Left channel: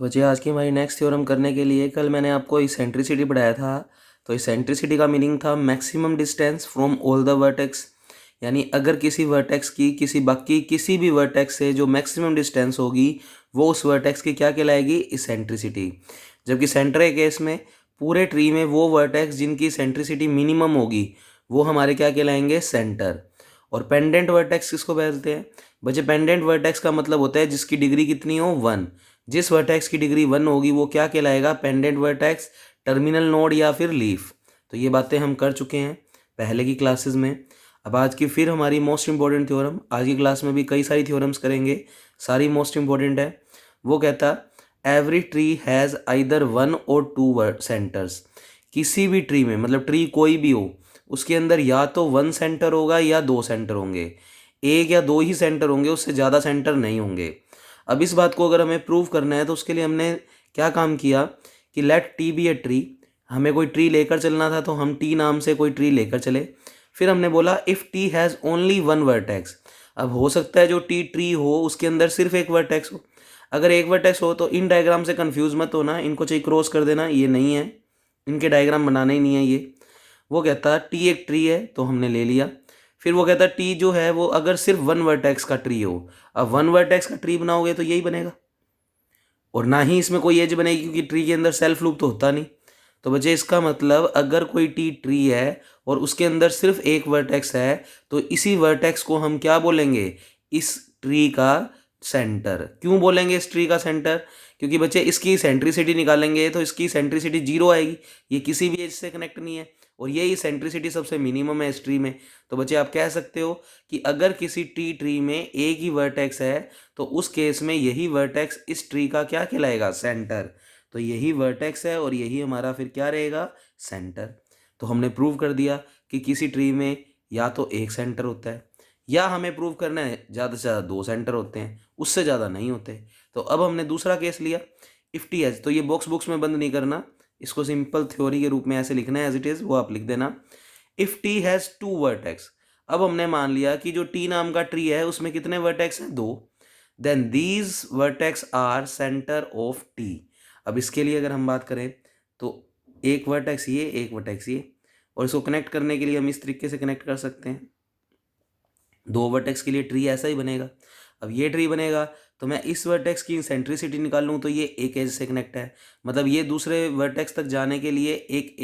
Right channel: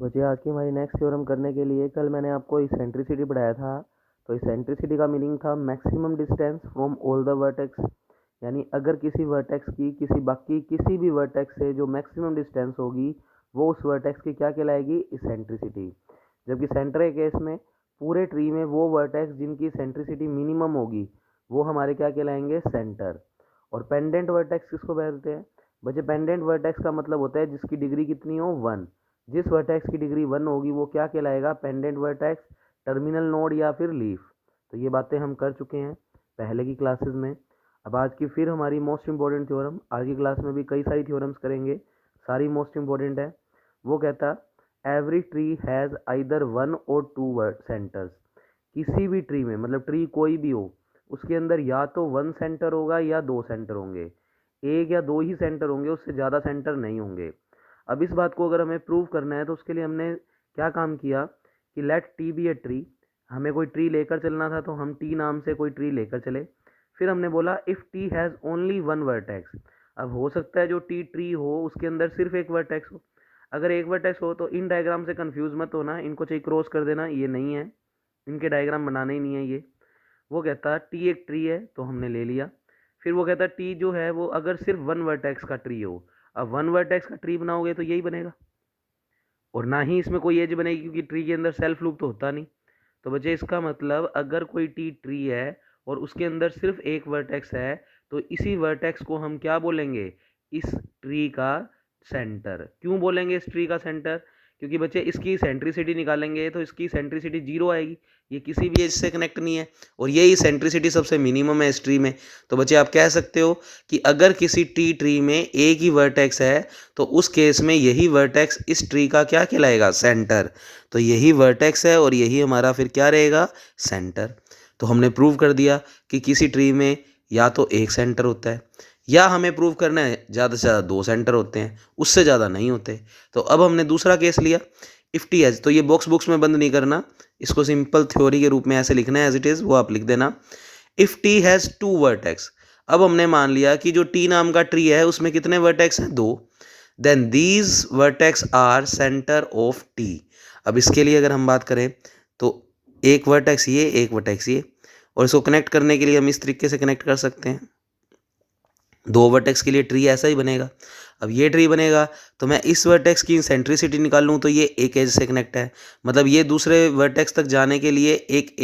तो बच्चे आज की हमारी नेक्स्ट थ्योरम करने के लिए कल मैंने आपको इसेंट्रिसिटी पढ़ाया था। तो इसेंट्रिसिटी का मीनिंग था maximum distance from all the vertex, यानी अगर किसी वर्टेक्स की किसी भी वर्टेक्स से जो मैक्सिमम डिस्टेंस होगी वो उस वर्टेक्स की क्या कहलाएगी, इसेंट्रिसिटी। जबकि सेंटर के केस में पूरे ट्री में वो वर्टेक्स जिनकी इसेंट्रिसिटी मिनिमम होगी वो हमारे क्या कहलाएंगे, सेंटर। और पेंडेंट वर्टेक्स किसको बोलते हैं बच्चे? पेंडेंट वर्टेक्स का मतलब होता है जिसकी डिग्री कितनी हो, 1। जिस वर्टेक्स की डिग्री 1 होगी वो क्या कहलाएगा, पेंडेंट वर्टेक्स, टर्मिनल नोड या फिर लीफ। तो ये बातें हम कर चुके हैं पहले की क्लासेस में। अब आज की फिर हमारी मोस्ट इंपॉर्टेंट थ्योरम, आज की क्लास में भी कई सारी थ्योरम्स करेंगे, सारी मोस्ट इंपॉर्टेंट है। वो कहता एवरी ट्री हैज़ आइदर 1 और 2 सेंटर्स। किसी भी ट्री में, मतलब ट्री कोई भी हो, उसके अंदर या तो 1 सेंटर होगा या 2 सेंटर होंगे। एक या दो ही सेंटर होंगे, उससे ज़्यादा सेंटर नहीं होंगे। अब इस बात को अगर हमें प्रूव करना है तो उसके लिए हमने क्या काम किया कि let T be a tree. हमें कोई ट्री लेकर चलना था तो हम टी नाम से कोई ट्री लेकर चले। फिर हमने बोला if T has only 1 vertex. अब हो सकता है जो टी ट्री हो उसके अंदर सिर्फ एक वर्टेक्स हो। अगर एक वर्टेक्स हो तो इन डायग्राम से कंफ्यूज मत होना, इनको चाहिए क्रॉस कर देना, ये नहीं है, इनके डायग्राम बनाना ही नहीं है ये। वो कहता टी एक ट्री है तो हमने ले लिया। फिर वो कहता टी जो है वो अगर सिर्फ 1 वर्टेक्स का ट्री हो। अब 1 वर्टेक्स का ट्री बनाओगे तो यही बनेगा, और ना ही इसमें कोई एज बनेगी क्योंकि ट्री के अंदर सेल्फ लूप तो होता नहीं। तो बच्चे इसका मतलब अगर कोई टी ट्री है और उसके अंदर सिर्फ एक वर्टेक्स है तो इसी वर्टेक्स को हम क्या बोलेंगे, इस ट्री का सेंटर। क्यों बोलेंगे इस ट्री का सेंटर? क्योंकि बच्चे इसकी सेंट्रिसिटी निकालेंगे तो इसकी सेंट्रिसिटी 0 आएगी, ये किसी भी एज से कनेक्ट नहीं है, और यही सेंट्रिसिटी सबसे मिनिमम है इस ट्री में। तो बच्चे आप कह सकते हो कि अगर किसी टी ट्री में एक ही वर्टेक्स है तो उस केस में यही वर्टेक्स इस ट्री का क्या कहलाएगा, सेंटर। तो यही वर्टेक्स है और यही हमारा फिर क्या रहेगा, सेंटर। तो हमने प्रूव कर दिया कि किसी ट्री में या तो एक सेंटर होता है, या हमें प्रूव करना है ज़्यादा से ज़्यादा 2 सेंटर होते हैं, उससे ज़्यादा नहीं होते। तो अब हमने दूसरा केस लिया, इफ़ टी एज। तो ये बॉक्स में बंद नहीं करना, इसको सिंपल थ्योरी के रूप में ऐसे लिखना है, एज इट इज़ वो आप लिख देना। If T has 2 vertex. अब हमने मान लिया कि जो टी नाम का ट्री है उसमें कितने वर्टेक्स हैं, 2। Then these vertex are centre of T. अब इसके लिए अगर हम बात करें तो एक वर्टेक्स ये, एक वर्टेक्स ये, और इसको कनेक्ट करने के लिए हम इस तरीके से कनेक्ट कर सकते हैं। 2 वर्टेक्स के लिए ट्री ऐसा ही बनेगा। अब ये ट्री बनेगा तो मैं इस वर्टेक्स की सेंट्रिसिटी निकाल लूँ तो ये एक एज से कनेक्ट है, मतलब ये दूसरे वर्टेक्स तक जाने के लिए एक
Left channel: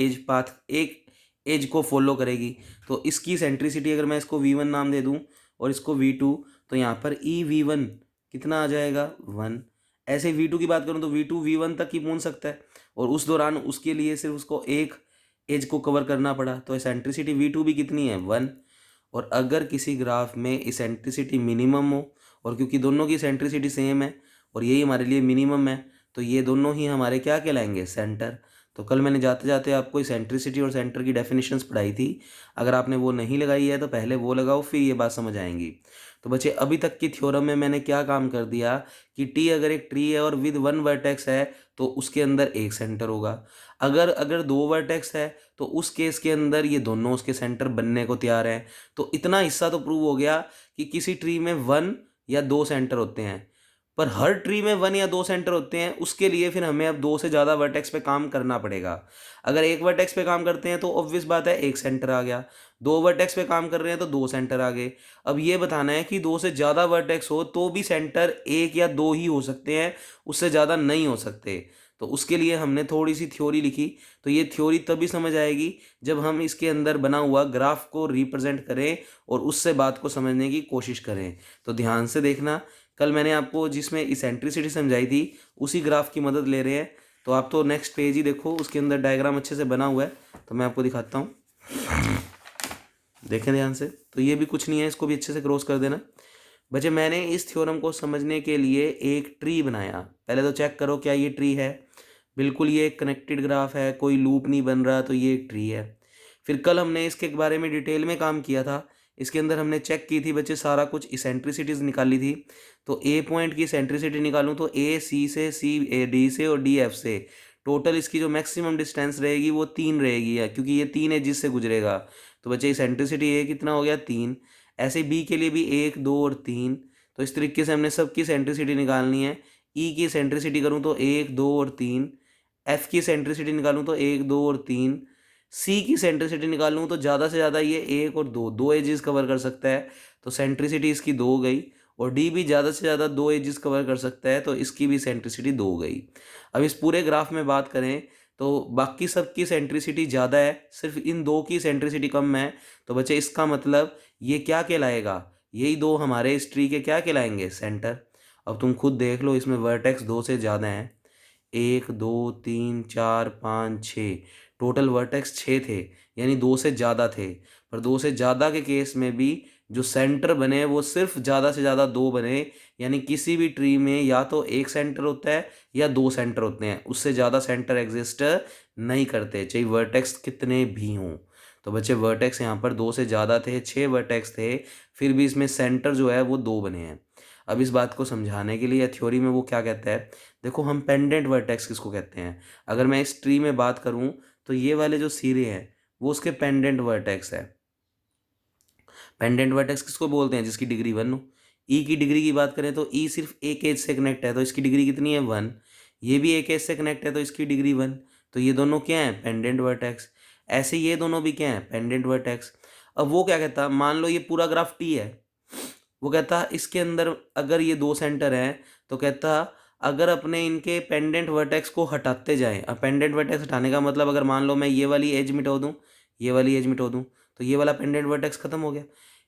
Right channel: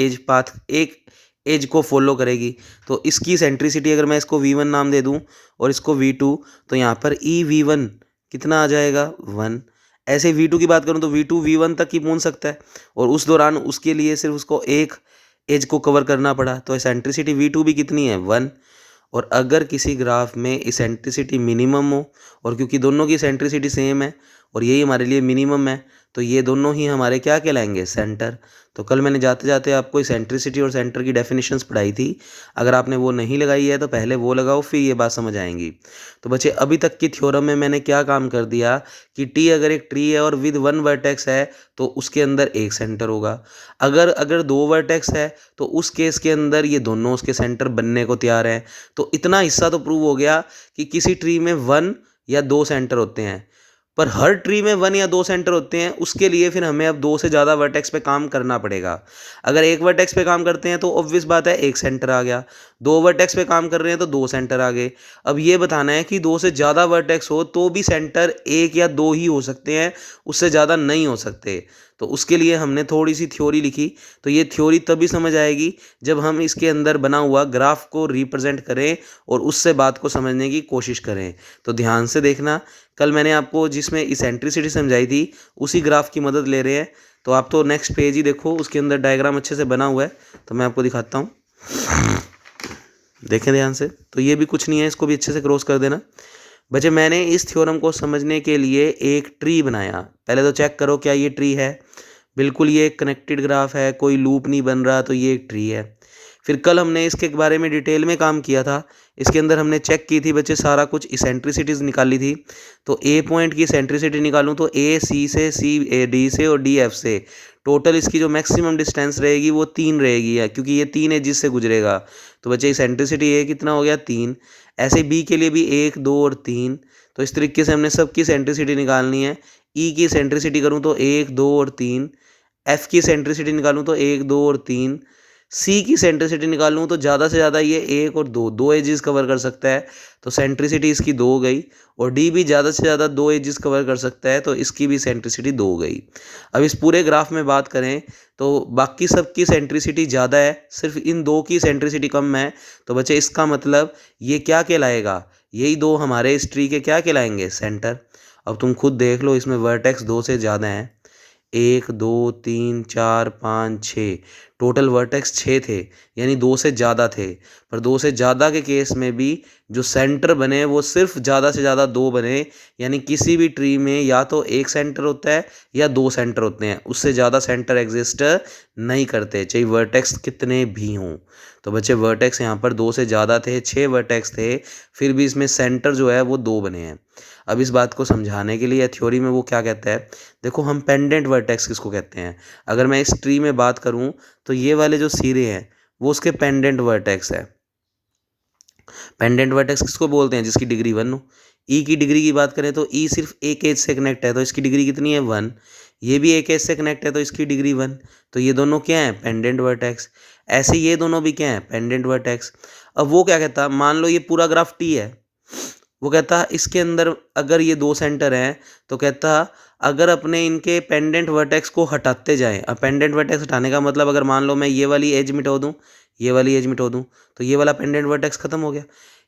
एज को फॉलो करेगी। तो इसकी सेंट्रिसिटी अगर मैं इसको V1 नाम दे दूँ और इसको V2, तो यहाँ पर EV1 कितना आ जाएगा, 1। ऐसे V2 की बात करूँ तो V2 V1 तक ही पहुँच सकता है, और उस दौरान उसके लिए सिर्फ उसको एक एज को कवर करना पड़ा, तो सेंट्रिसिटी V2 भी कितनी है, 1। और अगर किसी ग्राफ में इसेंट्रिसिटी मिनिमम हो, और क्योंकि दोनों की इसेंट्रिसिटी सेम है और यही हमारे लिए मिनिमम है, तो ये दोनों ही हमारे क्या कहलाएंगे, सेंटर। तो कल मैंने जाते जाते आपको इसेंट्रिसिटी और सेंटर की डेफिनेशंस पढ़ाई थी। अगर आपने वो नहीं लगाई है तो पहले वो लगाओ, फिर ये बात समझ आएंगी। तो बच्चे अभी तक की थ्योरम में मैंने क्या काम कर दिया कि टी अगर एक ट्री है और विद 1 वर्टेक्स है तो उसके अंदर एक सेंटर होगा। अगर अगर 2 वर्टेक्स है तो उस केस के अंदर ये दोनों उसके सेंटर बनने को तैयार हैं। तो इतना हिस्सा तो प्रूव हो गया कि किसी ट्री में 1 या 2 सेंटर होते हैं, पर हर ट्री में 1 या 2 सेंटर होते हैं उसके लिए फिर हमें अब 2 से ज़्यादा वर्टेक्स पे काम करना पड़ेगा। अगर एक वर्टेक्स पे काम करते हैं तो ऑब्वियस बात है एक सेंटर आ गया, 2 वर्टेक्स पे काम कर रहे हैं तो 2 सेंटर आ गए। अब ये बताना है कि 2 से ज़्यादा वर्टेक्स हो तो भी सेंटर 1 या 2 ही हो सकते हैं, उससे ज़्यादा नहीं हो सकते। तो उसके लिए हमने थोड़ी सी थ्योरी लिखी। तो ये थ्योरी तभी समझ आएगी जब हम इसके अंदर बना हुआ ग्राफ को रिप्रेजेंट करें और उससे बात को समझने की कोशिश करें। तो ध्यान से देखना, कल मैंने आपको जिसमें इसेंट्रिसिटी समझाई थी उसी ग्राफ की मदद ले रहे हैं। तो आप तो नेक्स्ट पेज ही देखो, उसके अंदर डायग्राम अच्छे से बना हुआ है, तो मैं आपको दिखाता हूँ, देखें ध्यान से। तो ये भी कुछ नहीं है, इसको भी अच्छे से क्रॉस कर देना। बच्चे मैंने इस थ्योरम को समझने के लिए एक ट्री बनाया। पहले तो चेक करो क्या ये ट्री है, बिल्कुल ये एक कनेक्टेड ग्राफ है, कोई लूप नहीं बन रहा, तो ये एक ट्री है। फिर कल हमने इसके बारे में डिटेल में काम किया था। इसके अंदर हमने चेक की थी बच्चे सारा कुछ, इसेंट्रिसिटीज़ निकाली थी। तो ए पॉइंट की इसेंट्रिसिटी निकालूँ तो ए सी से, सी ए डी से और डी एफ से टोटल इसकी जो मैक्सिमम डिस्टेंस रहेगी वो 3 रहेगी है, क्योंकि ये 3 एजिस से गुजरेगा। तो बच्चे इसेंट्रिसिटी ए कितना हो गया, 3। ऐसे बी के लिए भी 1, 2 और 3। तो इस तरीके से हमने सबकी इसेंट्रिसिटी निकालनी है। ई की सेंट्रिसिटी करूँ तो 1 2 और 3, एफ की सेंट्रिसिटी निकालूँ तो 1 2 और 3, सी की सेंट्रिसिटी निकालूँ तो ज़्यादा से ज़्यादा ये 1 और 2, 2 एजेस कवर कर सकता है, तो सेंट्रिसिटी इसकी 2 हो गई। और डी भी ज़्यादा से ज़्यादा 2 एजेस कवर कर सकता है, तो इसकी भी सेंट्रिसिटी 2 हो गई। अब इस पूरे ग्राफ में बात करें तो बाकी सब की सेंट्रिसिटी ज़्यादा है, सिर्फ इन दो की सेंट्रिसिटी कम है। तो बच्चे इसका मतलब ये क्या कहलाएगा, यही दो हमारे इस ट्री के क्या कहलाएंगे, सेंटर। अब तुम खुद देख लो, इसमें वर्टेक्स 2 से ज़्यादा हैं, 1 2 3 4 5 6, टोटल वर्टेक्स 6 थे, यानी 2 से ज़्यादा थे। पर 2 से ज़्यादा के केस में भी जो सेंटर बने वो सिर्फ ज़्यादा से ज़्यादा 2 बने, यानी किसी भी ट्री में या तो एक सेंटर होता है या 2 सेंटर होते हैं, उससे ज़्यादा सेंटर एग्जिस्ट नहीं करते, चाहे वर्टेक्स कितने भी हों। तो बच्चे वर्टेक्स यहाँ पर 2 से ज़्यादा थे, 6 वर्टेक्स थे, फिर भी इसमें सेंटर जो है वो 2 बने हैं। अब इस बात को समझाने के लिए थ्योरी में वो क्या कहता है, देखो हम पेंडेंट वर्टेक्स किसको कहते हैं। अगर मैं इस ट्री में बात करूं तो ये वाले जो सिरे हैं वो उसके पेंडेंट वर्टेक्स है। पेंडेंट वर्टेक्स किसको बोलते हैं, जिसकी डिग्री 1 हो। ई की डिग्री की बात करें तो ई सिर्फ एक एज से कनेक्ट है, तो इसकी डिग्री कितनी है, 1। ये भी एक एज से कनेक्ट है तो इसकी डिग्री 1। तो ये दोनों क्या हैं, पेंडेंट वर्टेक्स। ऐसे ये दोनों भी क्या हैं, पेंडेंट वर्टेक्स। अब वो क्या कहता, मान लो ये पूरा ग्राफ टी है, वो कहता इसके अंदर अगर ये 2 सेंटर हैं तो कहता अगर अपने इनके पेंडेंट वर्टेक्स को हटाते जाएं। अब पेंडेंट वर्टेक्स हटाने का मतलब, अगर मान लो मैं ये वाली एज मिटा दूं, ये वाली एज मिटा दूं, तो ये वाला पेंडेंट वर्टेक्स खत्म हो गया।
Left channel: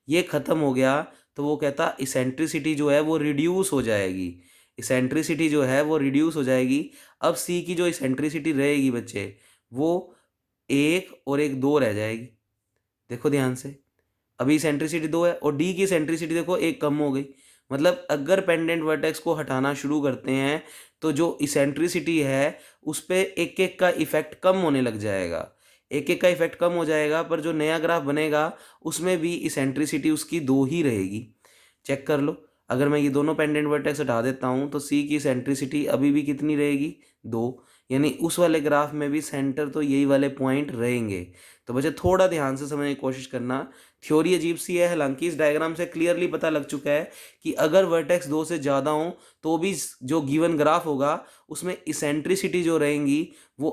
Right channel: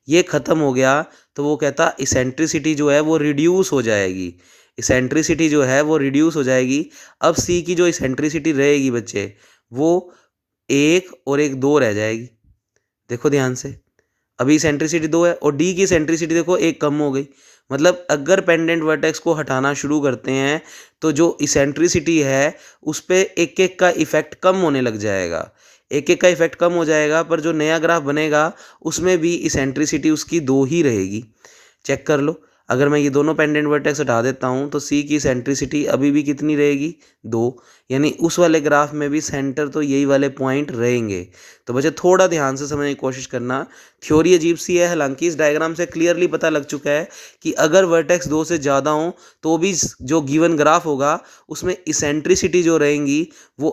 ये खत्म हो गया तो वो कहता इसेंट्रिसिटी जो है वो रिड्यूस हो जाएगी, इसेंट्रिसिटी जो है वो रिड्यूस हो जाएगी। अब सी की जो इसेंट्रिसिटी रहेगी बच्चे, वो 1 और 1 2 रह जाएगी। देखो ध्यान से, अभी सेंट्रिसिटी 2 है और डी की सेंट्रिसिटी देखो 1 कम हो गई। मतलब अगर पेंडेंट वर्टेक्स को हटाना शुरू करते हैं तो जो इसेंट्रिसिटी है उस पर एक एक का इफेक्ट कम होने लग जाएगा, एक एक का इफेक्ट कम हो जाएगा, पर जो नया ग्राफ बनेगा उसमें भी इसेंट्रिसिटी उसकी 2 ही रहेगी। चेक कर लो, अगर मैं ये दोनों पेंडेंट वर्टेक्स हटा देता हूँ तो सी की सेंट्रिसिटी अभी भी कितनी रहेगी, 2। यानी उस वाले ग्राफ में भी सेंटर तो यही वाले पॉइंट रहेंगे। तो बच्चे थोड़ा ध्यान से समझने की कोशिश करना, थ्योरी अजीब सी है, हालांकि इस डायग्राम से क्लियरली पता लग चुका है कि अगर वर्टेक्स 2 से ज़्यादा हो तो भी जो गिवन ग्राफ होगा उसमें इसेंट्रिसिटी जो रहेंगी वो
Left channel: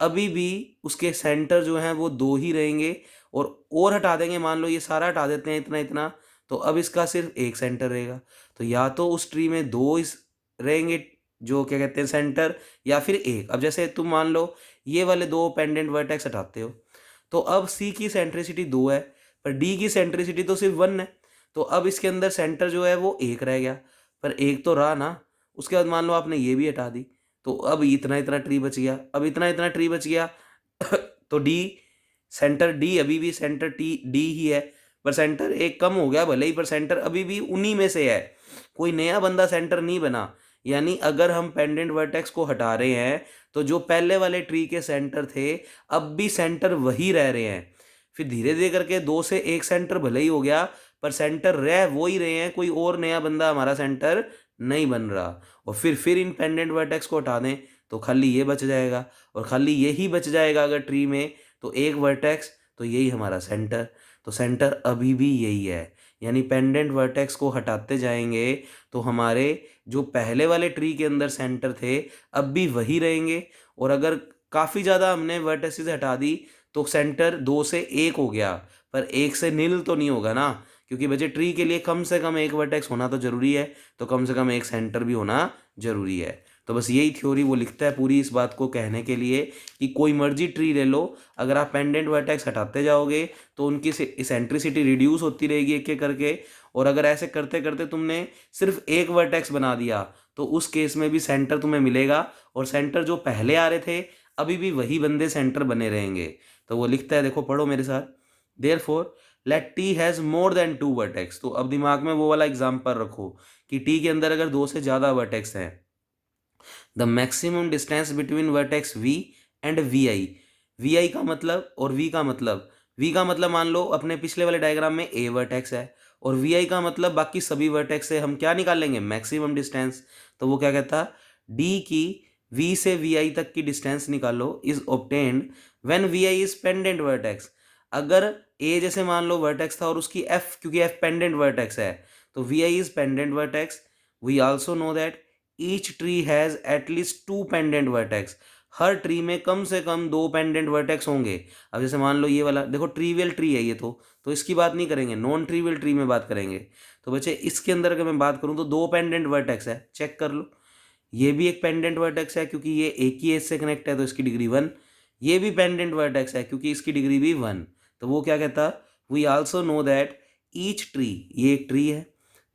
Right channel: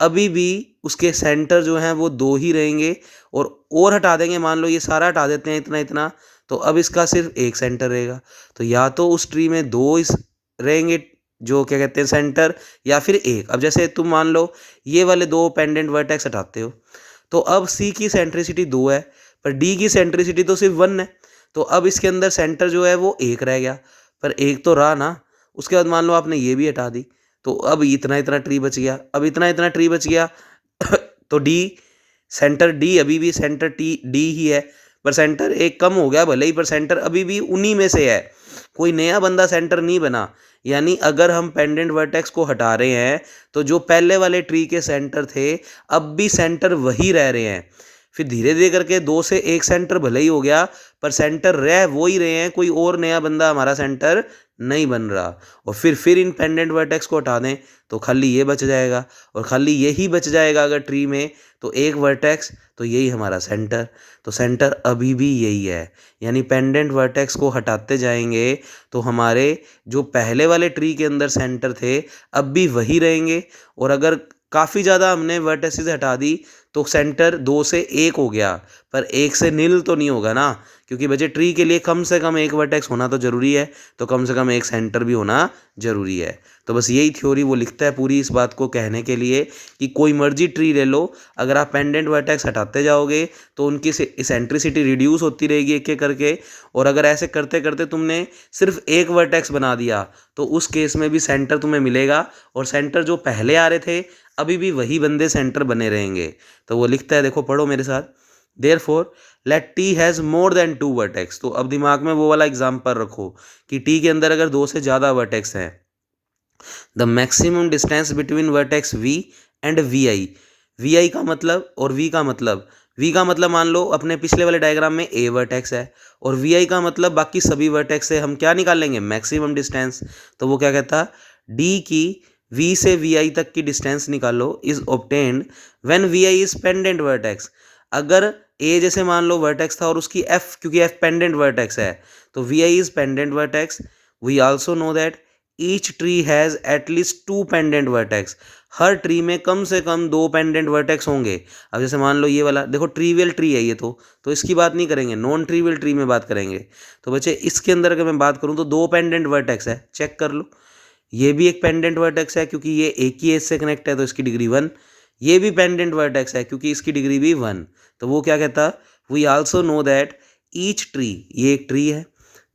अभी भी उसके सेंटर जो हैं वो 2 ही रहेंगे। और हटा देंगे, मान लो ये सारा हटा देते हैं इतना इतना, तो अब इसका सिर्फ एक सेंटर रहेगा। तो या तो उस ट्री में 2 इस रहेंगे जो क्या कहते हैं सेंटर, या फिर एक। अब जैसे तुम मान लो ये वाले 2 पेंडेंट वर्टेक्स हटाते हो, तो अब सी की सेंट्रिसिटी 2 है, पर डी की सेंट्रिसिटी तो सिर्फ 1 है। तो अब इसके अंदर सेंटर जो है वो एक रह गया, पर एक तो रहा ना। उसके बाद मान लो आपने ये भी हटा दी, तो अब इतना इतना ट्री बच गया, अब इतना इतना ट्री बच गया तो डी, सेंटर डी अभी भी सेंटर टी डी ही है, पर सेंटर एक कम हो गया भले ही, पर सेंटर अभी भी उन्हीं में से है, कोई नया बंदा सेंटर नहीं बना। यानी अगर हम पेंडेंट वर्टेक्स को हटा रहे हैं तो जो पहले वाले ट्री के सेंटर थे अब भी सेंटर वही रह रहे हैं। फिर धीरे धीरे करके 2 से 1 सेंटर भले ही हो गया, पर सेंटर रह वो ही रहे हैं, कोई और नया बंदा हमारा सेंटर नहीं बन रहा। और फिर इन पेंडेंट वर्टेक्स को हटा दें तो खाली ये बच जाएगा, और खाली यही बच जाएगा अगर ट्री में, तो एक वर्टेक्स, तो यही हमारा सेंटर। तो सेंटर अभी भी यही है, यानी पेंडेंट वर्टेक्स को हटाते जाएंगे तो हमारे जो पहले वाले ट्री के अंदर सेंटर थे अब भी वही रहेंगे। और अगर काफ़ी ज़्यादा हमने वर्टेक्सेस हटा दी तो सेंटर 2 से 1 हो गया, पर 1 से नील तो नहीं होगा ना, क्योंकि बच्चे ट्री के लिए कम से कम एक वर्टेक्स होना तो ज़रूरी है, तो कम से कम एक सेंटर भी होना ज़रूरी है। तो बस यही थ्योरी वो लिखता है पूरी इस बात को कहने के लिए कि कोई मर्जी ट्री ले लो, अगर आप पेंडेंट वर्टेक्स हटाते जाओगे तो उनकी इसेंट्रिसिटी रिड्यूस होती रहेगी एक एक करके। और अगर ऐसे करते करते तुमने सिर्फ एक वर्टेक्स बना दिया तो उस केस में भी सेंटर तुम्हें मिलेगा, और सेंटर जो पहले आ रहे थे अभी भी वही बंदे सेंटर बने रहेंगे। तो वो लिखता है, देखो पढ़ो मेरे साथ, therefore let T has more than 2 vertex. तो अब दिमाग में वो वाला एग्जाम्पल रखो कि टी के अंदर अगर 2 से ज़्यादा वर्टेक्स हैं, the maximum distance between vertex V and V I. V I का मतलब और वी का मतलब, वी का मतलब मान लो अपने पिछले वाले डायग्राम में ए वर्टेक्स है, और वी आई का मतलब बाकी सभी वर्टेक्स से हम क्या निकाल लेंगे, मैक्सिमम डिस्टेंस। तो वो क्या कहता, डी की वी से वी आई तक की डिस्टेंस निकालो is obtained when V I is pendant vertex. अगर ए जैसे मान लो वर्टेक्स था और उसकी एफ, क्योंकि एफ पेंडेंट वर्टेक्स है, तो V I is pendant vertex. We also know that each tree has at least 2 pendant vertex. हर ट्री में कम से कम 2 पेंडेंट वर्टेक्स होंगे। अब जैसे मान लो ये वाला देखो, ट्रीवियल ट्री है ये, तो इसकी बात नहीं करेंगे, नॉन ट्रीवियल ट्री में बात करेंगे। तो बच्चे इसके अंदर अगर मैं बात करूँ तो 2 पेंडेंट वर्टेक्स है, चेक कर लो। ये भी एक पेंडेंट वर्टेक्स है क्योंकि ये एक ही एज से कनेक्ट है, तो इसकी डिग्री 1। ये भी पेंडेंट वर्टेक्स है क्योंकि इसकी डिग्री भी 1। तो वो क्या कहता, we also know that each tree, ये एक ट्री है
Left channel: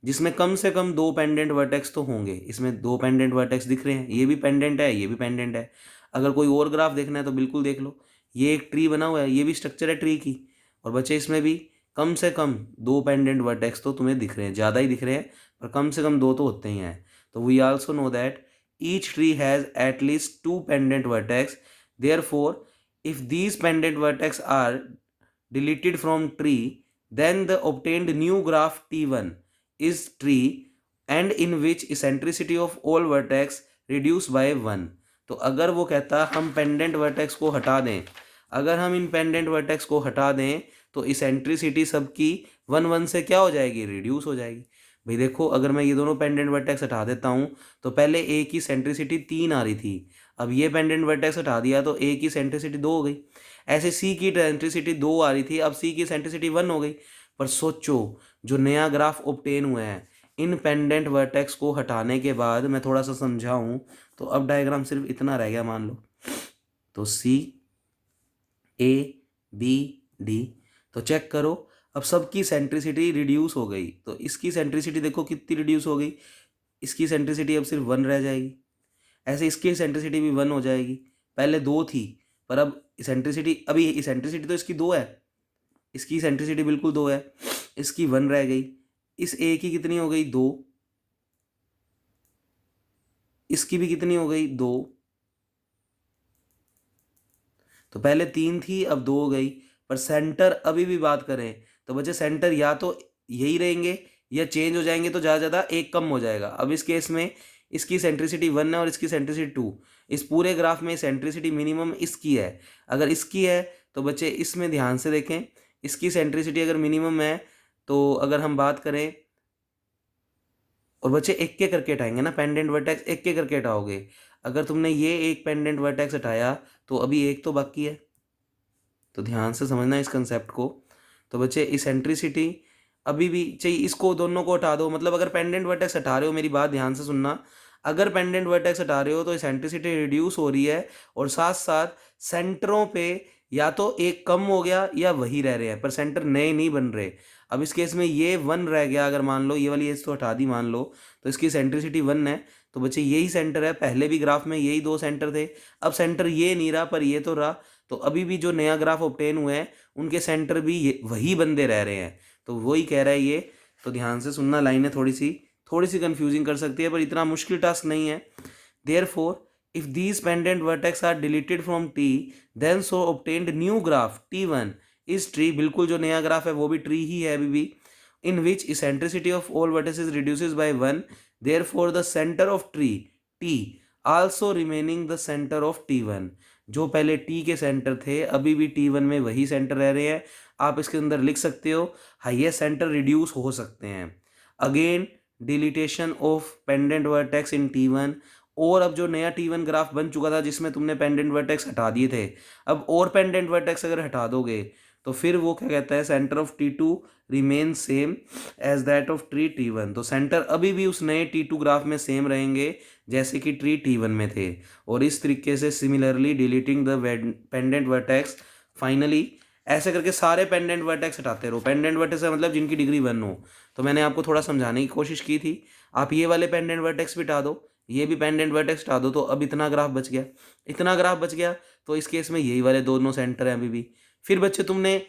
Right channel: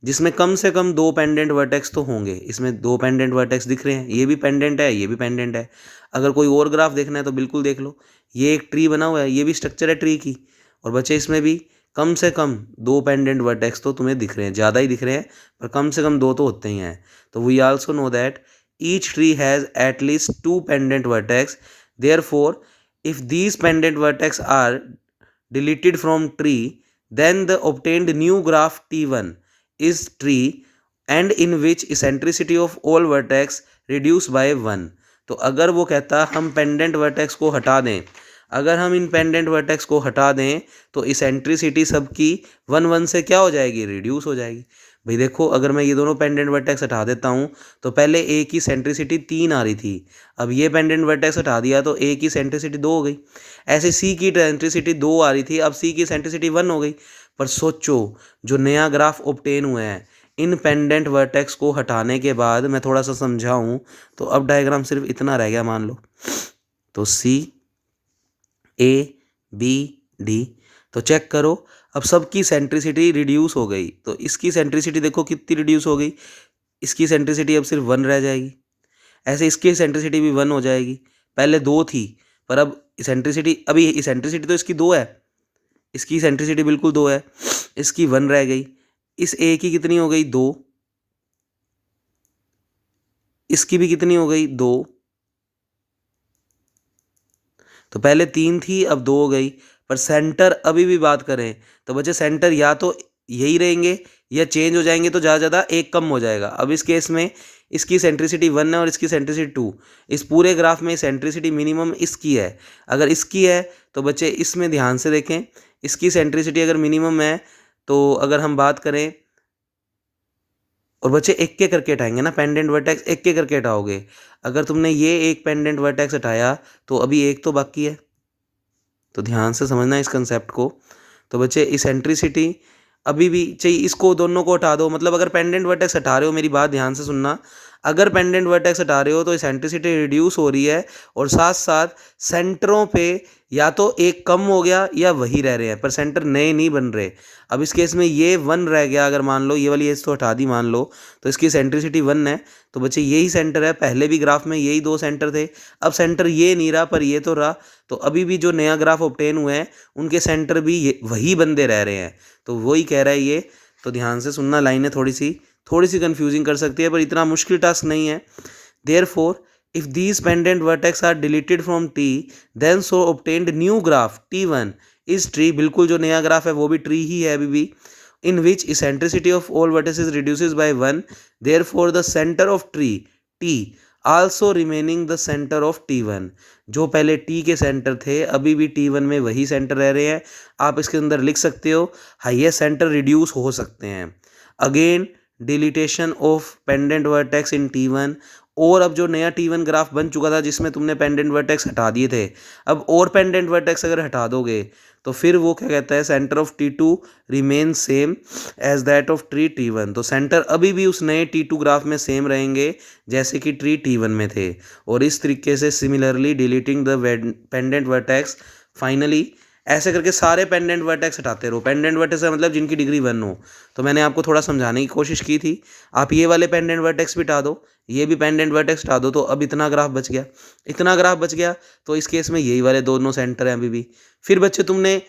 जिसमें कम से कम 2 पेंडेंट वर्टेक्स तो होंगे। इसमें 2 पेंडेंट वर्टेक्स दिख रहे हैं, ये भी पेंडेंट है, ये भी पेंडेंट है। अगर कोई और ग्राफ देखना है तो बिल्कुल देख लो, ये एक ट्री बना हुआ है, ये भी स्ट्रक्चर है ट्री की। और बच्चे इसमें भी कम से कम 2 पेंडेंट वर्टेक्स तो तुम्हें दिख रहे हैं, ज़्यादा ही दिख रहे हैं पर कम से कम 2 तो होते ही हैं। तो we also know that each tree has at least 2 pendant vertex. Therefore, if these pendant vertex are deleted from tree, then the obtained new graph T1 is tree and in which eccentricity of all vertex reduced by 1. तो अगर वो कहता हम pendant vertex को हटा दें, अगर हम इन पेंडेंट वर्टेक्स को हटा दें तो इसेंट्रिसिटी सबकी 1 1 से क्या हो जाएगी, रिड्यूस हो जाएगी। भाई देखो, अगर मैं ये दोनों पेंडेंट वर्टेक्स हटा देता हूँ तो पहले ए की सेंट्रिसिटी 3 आ रही थी, अब ये पेंडेंट वर्टेक्स हटा दिया तो ए की सेंट्रिसिटी 2 हो गई। ऐसे सी की सेंट्रिसिटी 2 आ रही थी, अब सी की सेंट्रिसिटी 1 हो गई। पर सोचो, जो नया ग्राफ ऑब्टेन हुआ है इन पेंडेंट वर्टेक्स को हटाने के बाद, मैं थोड़ा सा समझाऊँ तो अब डायग्राम सिर्फ इतना रह गया मान लो। तो सी ए बी डी, तो चेक करो अब सबकी सेंट्रिसिटी रिड्यूस हो गई। तो इसकी सेंट्रिसिटी देखो कितनी रिड्यूस हो गई, इसकी सेंट्रिसिटी अब सिर्फ 1 रह जाएगी। ऐसे इसकी सेंट्रिसिटी भी 1 हो जाएगी, पहले 2 थी पर अब सेंट्रिसिटी, अभी सेंट्रिसिटी तो इसकी 2 है, इसकी सेंट्रिसिटी बिल्कुल 2 है, इसकी 1 रह गई। इस ए की कितनी हो गई, 2, इसकी भी कितनी हो गई, 2। तो पहले 3 थी अब 2 हो गई। पर सेंटर अभी भी बात करें तो बच्चे सेंटर या तो यही रहेंगे या चेंज हो जाएंगे, तो ज़्यादा ज़्यादा एक कम हो जाएगा। अब इस केस में इसकी सेंट्रिसिटी 1 है और इसकी सेंट्रिसिटी 2। इस पूरे ग्राफ में सेंट्रिसिटी मिनिमम इसकी है। अगर इसकी है तो बच्चे इसमें ध्यान से देखें, इसकी सेंट्रिसिटी अगर मिनिमम है तो अगर हम बात करें, और बच्चे एक के करके हटाएंगे ना, पेंडेंट वर्टेक्स एक के करके हटाओगे। अगर तुमने ये एक पेंडेंट वर्टेक्स हटाया तो अभी एक तो बाकी है, तो ध्यान से समझना इस कंसेप्ट को। तो बच्चे इसेंट्रिसिटी अभी भी चाहिए, इसको दोनों को हटा दो। मतलब अगर पेंडेंट वर्टेक्स हटा रहे हो, मेरी बात ध्यान से सुनना, अगर पेंडेंट वर्टेक्स हटा रहे हो तो इसेंट्रिसिटी रिड्यूस हो रही है और साथ साथ सेंटरों पे या तो एक कम हो गया या वही रह रहे हैं, पर सेंटर नए नहीं बन रहे। अब इस केस में ये 1 रह गया, अगर मान लो ये वाली एज तो हटा दी मान लो, तो इसकी सेंट्रिसिटी 1 है। तो बच्चे यही सेंटर है, पहले भी ग्राफ में यही 2 सेंटर थे, अब सेंटर ये नहीं रहा पर ये तो रहा। तो अभी भी जो नया ग्राफ ऑब्टेन हुए हैं उनके सेंटर भी ये वही बंदे रह रहे हैं। तो वही कह रहा है ये, तो ध्यान से सुनना, लाइनें थोड़ी सी कंफ्यूजिंग कर सकती है पर इतना मुश्किल टास्क नहीं है। Therefore if these pendant vertex are deleted from T, then so obtained new graph T1 is tree, बिल्कुल जो नया ग्राफ है वो भी ट्री ही है अभी भी, in which eccentricity of all vertices reduces by 1, therefore the center of tree T also remaining the center of T1। जो पहले T के सेंटर थे अभी भी T1 में वही सेंटर रह रहे हैं। आप इसके अंदर लिख सकते हो हाईएस्ट सेंटर रिड्यूस हो सकते हैं। Again deletion of pendant vertex in T1, और अब जो नया T1 ग्राफ बन चुका था जिसमें तुमने पेंडेंट वर्टेक्स हटा दिए थे, अब और पेंडेंट वर्टेक्स अगर हटा दोगे तो फिर वो क्या कहता है, centre of T2 remain same as that of tree T1। तो सेंटर अभी भी उस नए T2 ग्राफ में सेम रहेंगे जैसे कि ट्री T1 में थे। और इस तरीके से similarly deleting the pendant vertex, finally ऐसे करके सारे पेंडेंट वर्टेक्स हटाते रहो। पेंडेंट वर्टेक्स का मतलब जिनकी डिग्री 1 हो। तो मैंने आपको थोड़ा समझाने की कोशिश की थी, आप ये वाले पेंडेंट वर्टेक्स भी हटा दो, ये भी पेंडेंट वर्टेक्स हटा दो, तो अब इतना ग्राफ बच गया, इतना ग्राफ बच गया। तो इस केस में यही वाले दोनों सेंटर हैं अभी भी। फिर बच्चे तुमने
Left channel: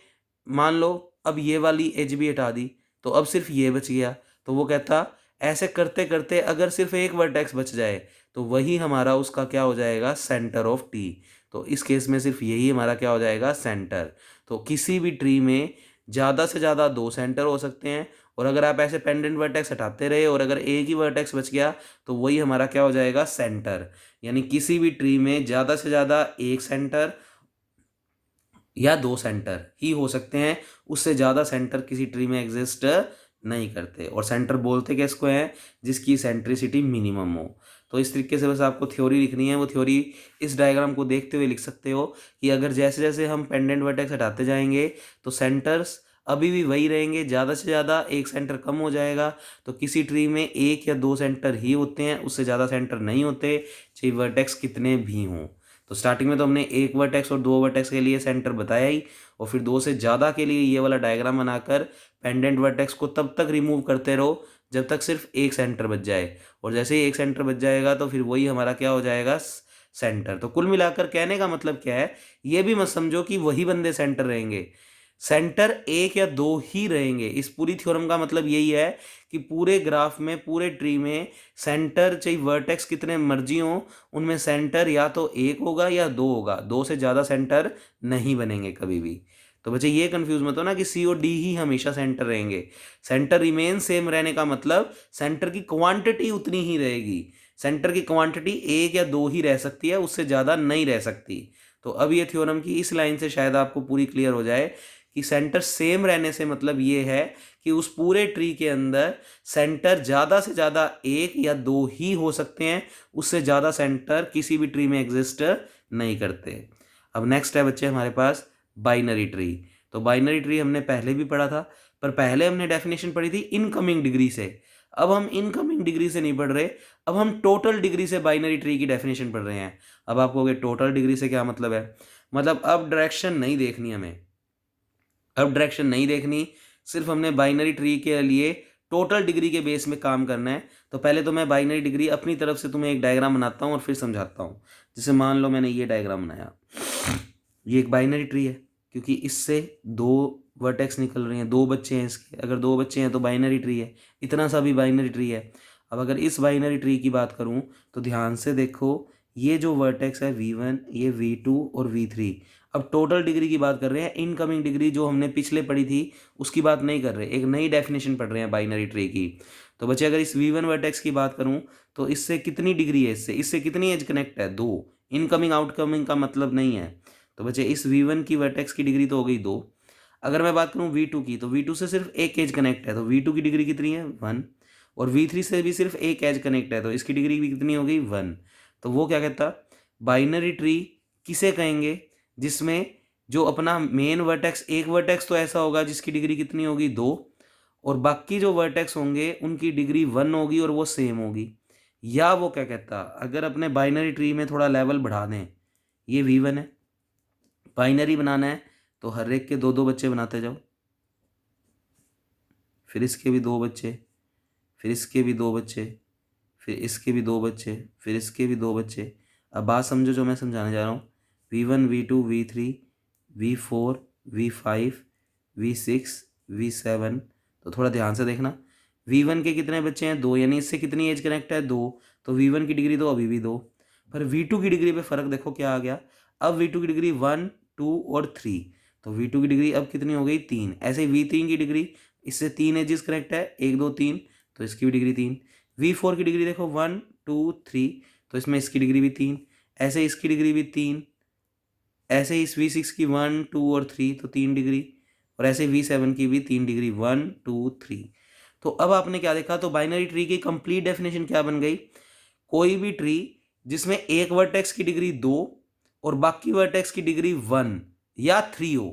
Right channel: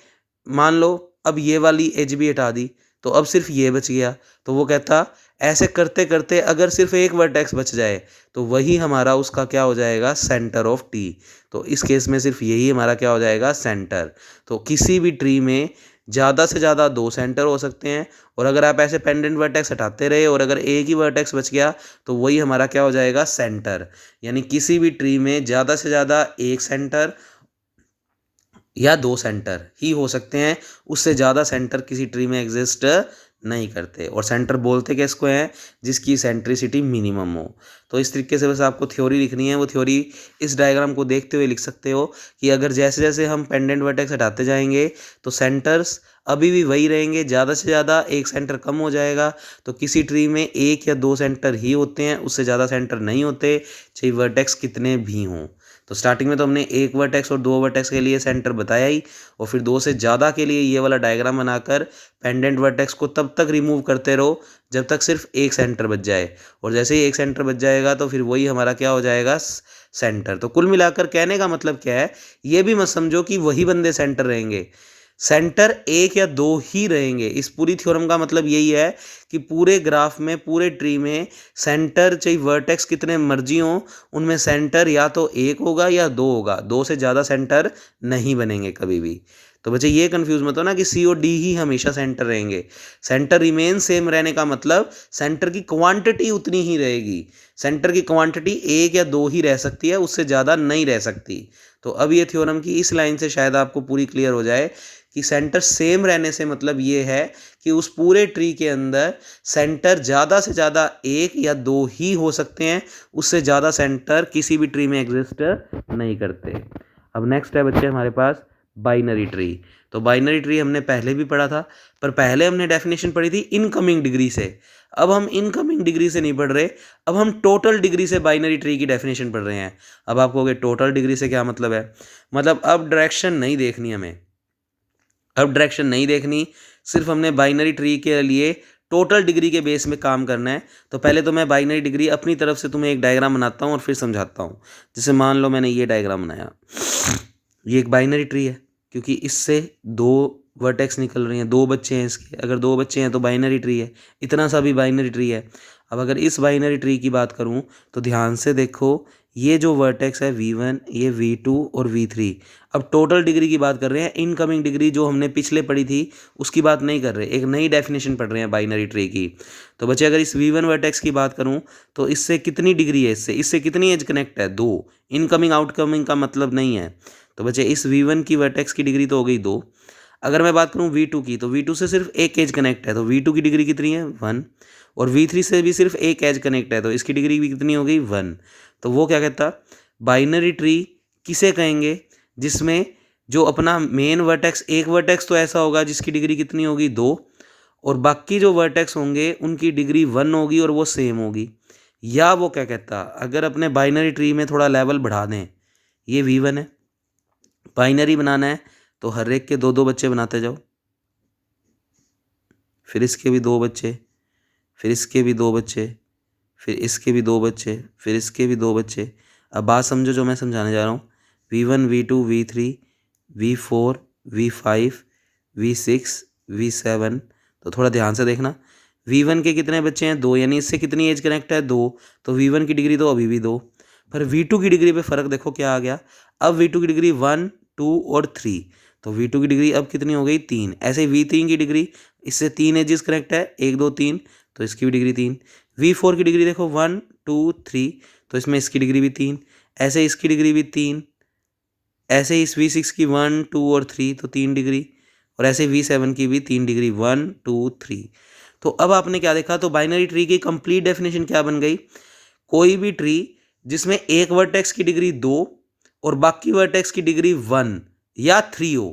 मान लो अब ये वाली एज भी हटा दी तो अब सिर्फ ये बच गया। तो वो कहता ऐसे करते करते अगर सिर्फ एक वर्टेक्स बच जाए तो वही हमारा उसका क्या हो जाएगा, सेंटर ऑफ टी। तो इस केस में सिर्फ यही हमारा क्या हो जाएगा, सेंटर। तो किसी भी ट्री में ज़्यादा से ज़्यादा 2 सेंटर हो सकते हैं, और अगर आप ऐसे पेंडेंट वर्टेक्स हटाते रहे और अगर एक ही वर्टेक्स बच गया तो वही हमारा क्या हो जाएगा, सेंटर। यानी किसी भी ट्री में ज़्यादा से ज़्यादा एक सेंटर या 2 सेंटर ही हो सकते हैं, उससे ज़्यादा सेंटर किसी ट्री में एग्जिस्ट नहीं करते। और सेंटर बोलते किसको हैं, जिसकी सेंट्रिसिटी मिनिमम हो। तो इस तरीके से बस आपको थ्योरी लिखनी है। वो थ्योरी इस डायग्राम को देखते हुए लिख सकते हो कि अगर जैसे जैसे हम पेंडेंट वर्टेक्स हटाते जाएंगे तो सेंटर्स अभी भी वही रहेंगे, ज़्यादा से ज़्यादा एक सेंटर कम हो जाएगा। तो किसी ट्री में एक या दो सेंटर ही होते हैं, उससे ज़्यादा सेंटर नहीं होते, चाहे वर्टेक्स कितने भी हों। तो स्टार्टिंग में तो हमने एक वर्टेक्स और दो वर्टेक्स के लिए सेंटर बताया ही, और फिर दो से ज़्यादा के लिए ये वाला डायग्राम बनाकर पेंडेंट वर्टेक्स को तब तक रिमूव करते रहो जब तक सिर्फ एक सेंटर बच जाए, और जैसे ही एक सेंटर बच जाएगा तो फिर वही हमारा क्या हो जाएगा, सेंटर। तो कुल मिलाकर कहने का मतलब क्या है, ये भी मत समझो कि वही बंदे सेंटर रहेंगे, सेंटर एक या दो ही रहेंगे। इस पूरी थ्योरम का मतलब यही है कि पूरे ग्राफ में, पूरे ट्री में सेंटर चाहे वर्टेक्स कितने मर्जी हों, उनमें सेंटर या तो एक होगा या दो होगा, दो से ज़्यादा सेंटर नहीं बनेंगे कभी भी। तो बच्चे ये कंफ्यूज मत हो ना कि सी और डी ही हमेशा सेंटर रहेंगे। सेंटर रिमेन सेम रहने का मतलब सेंटर की क्वांटिटी उतनी ही रहेगी। सेंटर की क्वांटिटी एक या दो ही रह सकती है, उससे ज़्यादा नहीं रह सकती। तो अब ये थ्योरम की इस लाइन से शायद आपको पूरी क्लियर हो जाए कि सेंटर सेम रहने से मतलब ये है कि उस पूरे ट्री के अंदर सेंटर ज़्यादा से ज़्यादा एक या दो ही हो सकते हैं, उससे ज़्यादा सेंटर किसी भी ट्री में एग्जिस्ट नहीं करते। अब नेक्स्ट है बच्चे हमारे पास बाइनरी ट्री। तो बाइनरी ट्री हमने पहले भी पढ़ा था, पर पहले हमने डेफिनेशन पढ़ी थी इनकमिंग डिग्री से। अब हम इनकमिंग डिग्री से नहीं पढ़ रहे, अब हम टोटल डिग्री से बाइनरी ट्री की डेफिनेशन पढ़ रहे हैं। अब आप कहोगे टोटल डिग्री से क्या मतलब है, मतलब अब डायरेक्शन नहीं देखनी हमें, अब डायरेक्शन नहीं देखनी, सिर्फ हमने बाइनरी ट्री के लिए टोटल डिग्री के बेस में काम करना है। तो पहले तो मैं बाइनरी डिग्री अपनी तरफ से तुम्हें एक डायग्राम बनाता हूँ और फिर समझाता हूँ। जैसे मान लो मैंने ये डायग्राम बनाया, ये एक बाइनरी ट्री है क्योंकि इससे दो वर्टेक्स निकल रही हैं, दो बच्चे हैं इसके, अगर दो बच्चे हैं तो बाइनरी ट्री है, इतना सा भी बाइनरी ट्री है। अब अगर इस बाइनरी ट्री की बात करूं तो ध्यान से देखो, ये जो वर्टेक्स है V1, ये V2 और V3। अब टोटल डिग्री की बात कर रहे हैं, इनकमिंग डिग्री जो हमने पिछले पढ़ी थी उसकी बात नहीं कर रहे, एक नई डेफिनेशन पढ़ रहे हैं बाइनरी ट्री की। तो बच्चे अगर इस V1 वर्टेक्स की बात करूं तो इससे कितनी डिग्री है, इससे कितनी एज कनेक्ट है, दो। इनकमिंग आउटकमिंग का मतलब नहीं है। तो बच्चे इस V1 की वर्टेक्स की डिग्री तो हो गई दो। अगर मैं बात करूं V2 की, तो V2 से सिर्फ एक एज कनेक्ट है, तो V2 की डिग्री कितनी है, 1। और V3 से भी सिर्फ एक एज कनेक्ट है, तो इसकी डिग्री भी कितनी हो गई, 1। तो वो क्या कहता, बाइनरी ट्री किसे कहेंगे, जिसमें जो अपना मेन वर्टेक्स, एक वर्टेक्स तो ऐसा होगा जिसकी डिग्री कितनी होगी, 2, और बाकी जो वर्टेक्स होंगे उनकी डिग्री 1 होगी और वो सेम होगी। या वो क्या कहता, अगर अपने बाइनरी ट्री में थोड़ा लेवल बढ़ा दें, ये V1 है, बाइनरी बनाना है तो हर एक के दो दो बच्चे बनाते जाओ, फिर इसके भी दो बच्चे, फिर इसके भी दो बच्चे, फिर इसके भी दो बच्चे, फिर इसके भी दो बच्चे। अब बात समझो जो मैं समझाने जा रहा हूँ, V1, V2, V3, V4, V5, V6, V7। तो थोड़ा ध्यान से देखना, V1 के कितने बच्चे हैं, दो, यानी इससे कितनी एज कनेक्ट है, दो। तो V1 की डिग्री तो अभी भी दो। पर V2 की डिग्री पे फ़र्क देखो क्या आ गया, अब V2 की डिग्री 1, 2 और 3। तो V2 की डिग्री अब कितनी हो गई, 3। ऐसे V3 की डिग्री, इससे 3 एजेस कनेक्ट है, 1, 2, 3, तो इसकी भी डिग्री 3। V4 की डिग्री देखो 1, 2, 3, तो इसमें इसकी डिग्री भी 3। ऐसे इसकी डिग्री भी 3। ऐसे इस V6 की 1, 2 और 3, तो 3 डिग्री। और ऐसे V7 की भी 3 डिग्री, 1, 2, 3। तो अब आपने क्या देखा, तो बाइनरी ट्री की कंप्लीट डेफिनेशन क्या बन गई, कोई भी ट्री जिसमें एक वर्टेक्स की डिग्री 2 और बाकी वर्टेक्स की डिग्री 1 या 3 हो।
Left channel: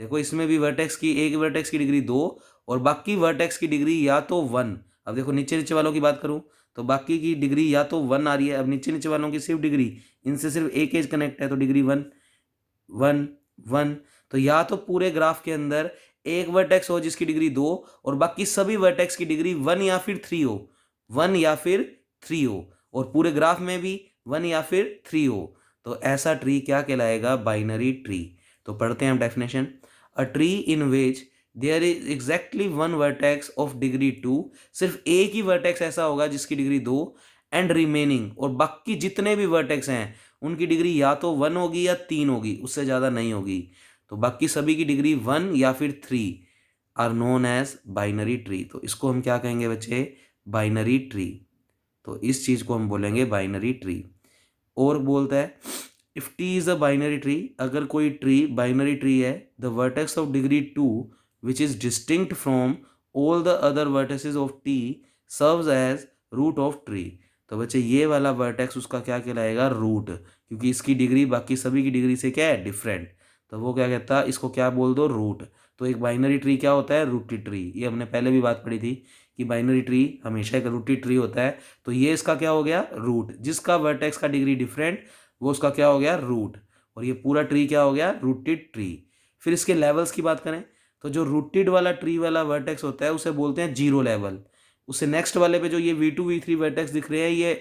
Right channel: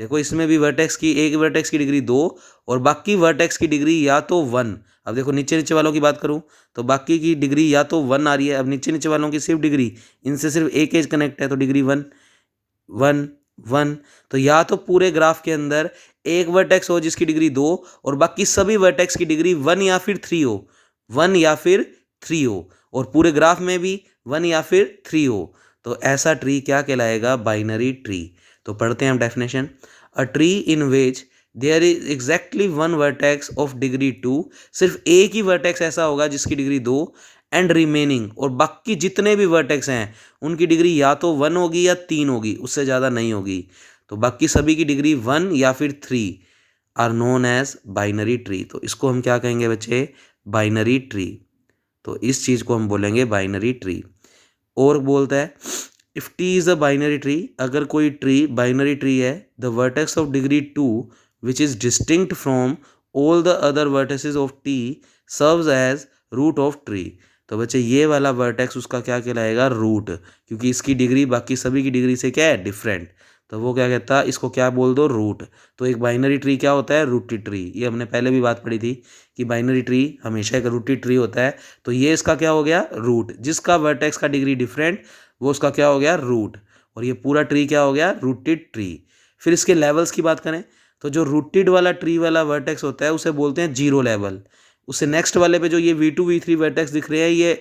देखो इसमें भी वर्टेक्स की, एक वर्टेक्स की डिग्री 2 और बाकी वर्टेक्स की डिग्री या तो 1। अब देखो नीचे नीचे वालों की बात करूं तो बाकी की डिग्री या तो 1 आ रही है, अब नीचे नीचे वालों की सिर्फ डिग्री, इनसे सिर्फ एक एज कनेक्ट है तो डिग्री 1, 1, 1। तो या तो पूरे ग्राफ के अंदर एक वर्टेक्स हो जिसकी डिग्री 2 और बाकी सभी वर्टेक्स की डिग्री 1 या फिर 3 हो, 1 या फिर 3 हो, और पूरे ग्राफ में भी 1 या फिर 3 हो। तो ऐसा ट्री क्या कहलाएगा, बाइनरी ट्री। तो पढ़ते हैं हम definition, a tree in which there is exactly one vertex of degree 2, सिर्फ एक ही वर्टेक्स ऐसा होगा जिसकी डिग्री 2, एंड रिमेनिंग, और बाकी जितने भी वर्टेक्स हैं उनकी डिग्री या तो 1 होगी या 3 होगी, उससे ज़्यादा नहीं होगी। तो बाकी सभी की डिग्री 1 या फिर 3 are known as binary tree. तो इसको हम क्या कहेंगे बच्चे, बाइनरी ट्री। तो इस चीज़ को हम बोलेंगे बाइनरी ट्री। और बोलता है, if T is a binary tree, अगर कोई ट्री बाइनरी ट्री है, the vertex of degree 2 which is distinct from all the other vertices of T serves as root of tree. तो बच्चे ये वाला वर्टेक्स उसका क्या कहलाएगा, रूट, क्योंकि इसकी डिग्री बाकी सभी की डिग्री से क्या है, डिफरेंट। तो वो क्या कहता है, इसको क्या बोल दो, रूट। तो एक बाइनरी ट्री क्या होता है, रूटेड ट्री। ये हमने पहले भी बात पढ़ी थी कि बाइनरी ट्री हमेशा एक रूटेड ट्री होता है। तो ये इसका क्या हो गया, रूट। जिसका वर्टेक्स का डिग्री डिफरेंट वो उसका क्या हो गया, रूट। और ये पूरा ट्री क्या हो गया, रूटेड ट्री। फिर इसके लेवल्स की बात करें तो जो रूटेड वाला ट्री वाला वर्टेक्स होता है उसे बोलते हैं जीरो लेवल। उससे नेक्स्ट वाले पे जो ये V2 V3 वर्टेक्स दिख रहे हैं ये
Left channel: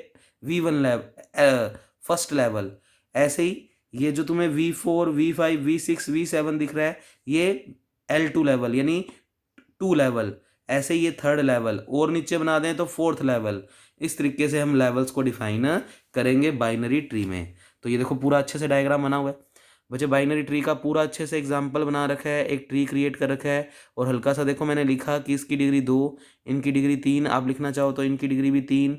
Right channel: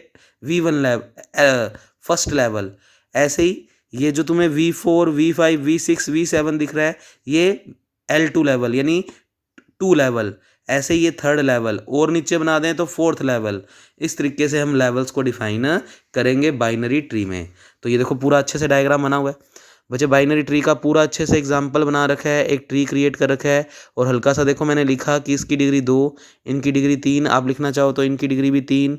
V1 लेवल, फर्स्ट लेवल। ऐसे ही ये जो तुम्हें V4 V5 V6 V7 दिख रहा है ये L2 लेवल यानी टू लेवल। ऐसे ही ये थर्ड लेवल, और नीचे बना दें तो फोर्थ लेवल। इस तरीके से हम लेवल्स को डिफाइन करेंगे बाइनरी ट्री में। तो ये देखो पूरा अच्छे से डायग्राम बना हुआ है बच्चे। बाइनरी ट्री का पूरा अच्छे से एग्जाम्पल बना रखा है, एक ट्री क्रिएट कर रखा है। और हल्का सा देखो मैंने लिखा कि इसकी डिग्री 2, इनकी डिग्री 3। आप लिखना चाहो तो इनकी डिग्री भी 3।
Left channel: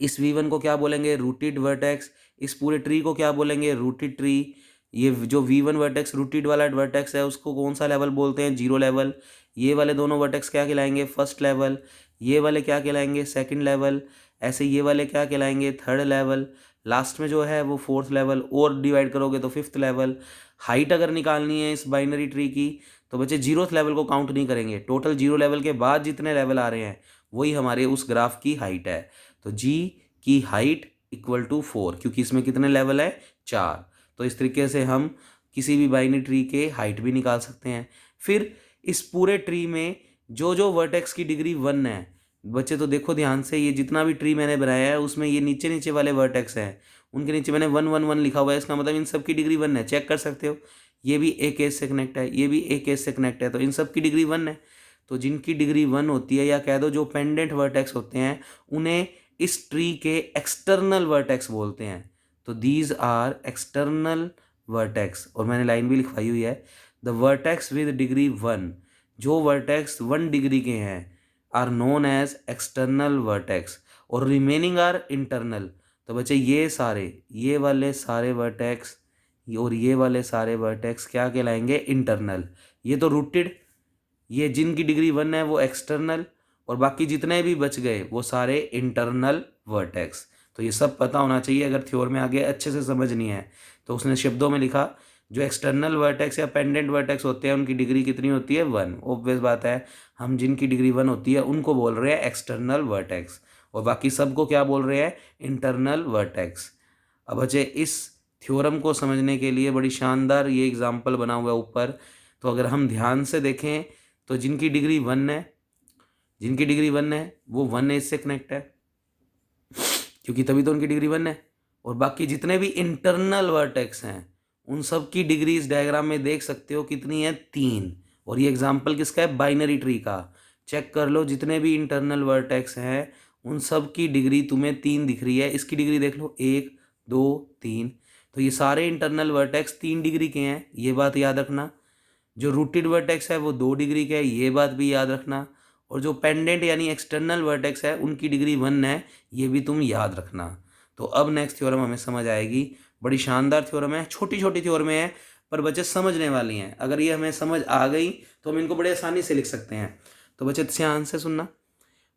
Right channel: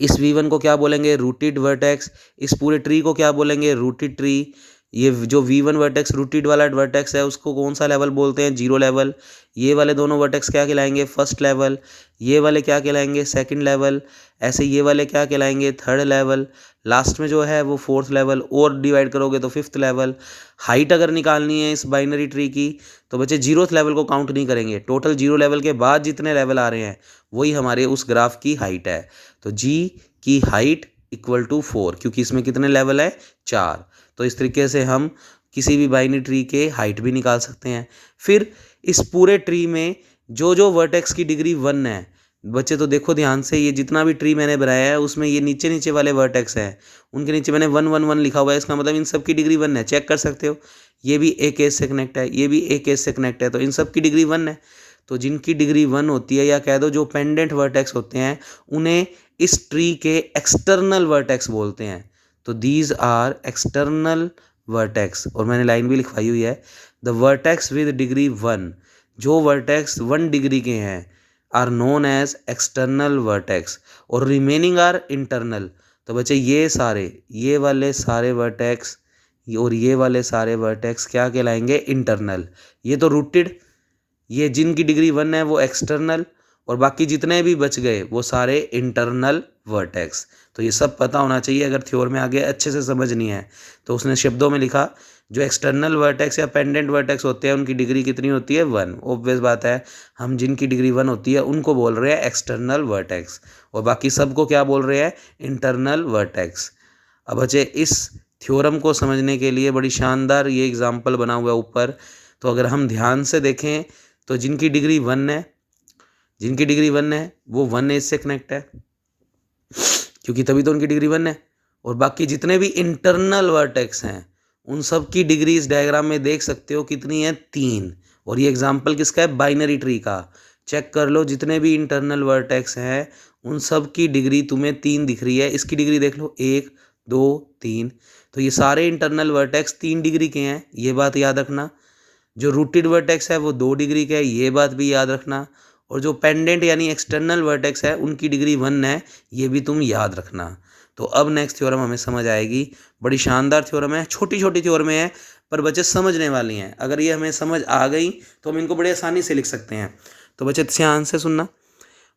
इस V1 को क्या बोलेंगे, रूटेड वर्टेक्स। इस पूरे ट्री को क्या बोलेंगे, रूटेड ट्री। ये जो V1 वर्टेक्स रूटेड वाला वर्टेक्स है उसको कौन सा लेवल बोलते हैं, जीरो लेवल। ये वाले दोनों वर्टेक्स क्या कहलाएंगे, फर्स्ट लेवल। ये वाले क्या कहलाएंगे, सेकंड लेवल। ऐसे ये वाले क्या कहलाएंगे, थर्ड लेवल। लास्ट में जो है वो फोर्थ लेवल, और डिवाइड करोगे तो फिफ्थ लेवल। हाइट अगर निकालनी है इस बाइनरी ट्री की तो बच्चे जीरोथ लेवल को काउंट नहीं करेंगे, टोटल जीरो लेवल के बाद जितने लेवल आ रहे हैं वही हमारे उस ग्राफ की हाइट है। तो जी की हाइट इक्वल टू 4, क्योंकि इसमें कितने लेवल है, 4। तो इस तरीके से हम किसी भी बाइनरी ट्री के हाइट भी निकाल सकते हैं। फिर इस पूरे ट्री में जो जो वर्टेक्स की डिग्री 1 है बच्चे, तो देखो ध्यान से, ये जितना भी ट्री मैंने बनाया है उसमें ये नीचे नीचे वाले वर्टेक्स हैं उनके नीचे मैंने 1 1 1 लिखा हुआ है। इसका मतलब इन सब की डिग्री 1 है, चेक कर सकते हो। ये भी एक एज से कनेक्ट है, ये भी एक एज से कनेक्ट है, तो इन सब की डिग्री 1 है। तो जिनकी डिग्री 1 होती है, या कह दो जो पेंडेंट वर्टेक्स होते हैं, उन्हें इस ट्री के एक्सटर्नल वर्टेक्स बोलते हैं। तो दीज आर एक्सटर्नल वर्टेक्स। और मैंने लाइन भी लिखवाई हुई है, द वर्टेक्स विद डिग्री 1, जो वर्टेक्स 1 डिग्री के हैं are known as external vertex, और रिमेनिंग आर इंटरनल। तो बच्चे ये सारे, ये वाले सारे वर्टेक्स और ये वाले सारे वर्टेक्स क्या कहलाएंगे, इंटरनल। ये तो रूटेड, ये जिनकी डिग्री 1 है वो एक्सटर्नल, और बाकी जितने भी बच गए वो सारे इंटरनल वर्टेक्स। तो ये सब पता होना चाहिए, अगर थ्योर में आगे अच्छे से समझनी है। तो उसने शब्दों में लिखा जो एक्सटर्नल वर्टेक्स या पेंडेंट वर्टेक्स होते हैं उनकी डिग्री कितनी होती है, 1। ऑब्वियस बात है, हम जिनकी डिग्री 1 होती है उनको बोल रहे हैं एक्सटर्नल वर्टेक्स, और बाकी सबको क्या बोल रहे हैं, इंटरनल वर्टेक्स। अब बच्चे इस थ्योरम को समझने के लिए बड़ी शानदार ये एग्जाम्पल बना हुआ है ऊपर। तो अगर हम ध्यान से देखें तो जिनकी डिग्री 1 है, जिनकी डिग्री 1 है वो 1 एज से कनेक्ट है, क्योंकि तभी तो उनकी डिग्री 1 है। और बाकी जितने भी इंटरनल वर्टेक्स हैं उन सब की डिग्री इस डायग्राम में देख सकते हो कितनी है, 3। और ये एग्जाम्पल किसका है, बाइनरी ट्री का। चेक कर लो, जितने भी इंटरनल वर्टेक्स हैं उन सब की डिग्री तुम्हें 3 दिख रही है। इसकी डिग्री देख लो, 1 2 3। तो ये सारे इंटरनल वर्टेक्स 3 डिग्री के हैं, ये बात याद रखना। जो रूटेड वर्टेक्स है वो 2 डिग्री का है, ये बात भी याद रखना। और जो पेंडेंट यानी एक्सटर्नल वर्टेक्स है उनकी डिग्री 1 है, ये भी तुम याद रखना। तो अब नेक्स्ट थ्योरम हमें समझ आएगी, बड़ी शानदार थ्योरम है, छोटी छोटी थ्योरम है पर बच्चे समझने वाली हैं। अगर ये हमें समझ आ गई तो हम इनको बड़े आसानी से लिख सकते हैं। तो बच्चे ध्यान से सुनना।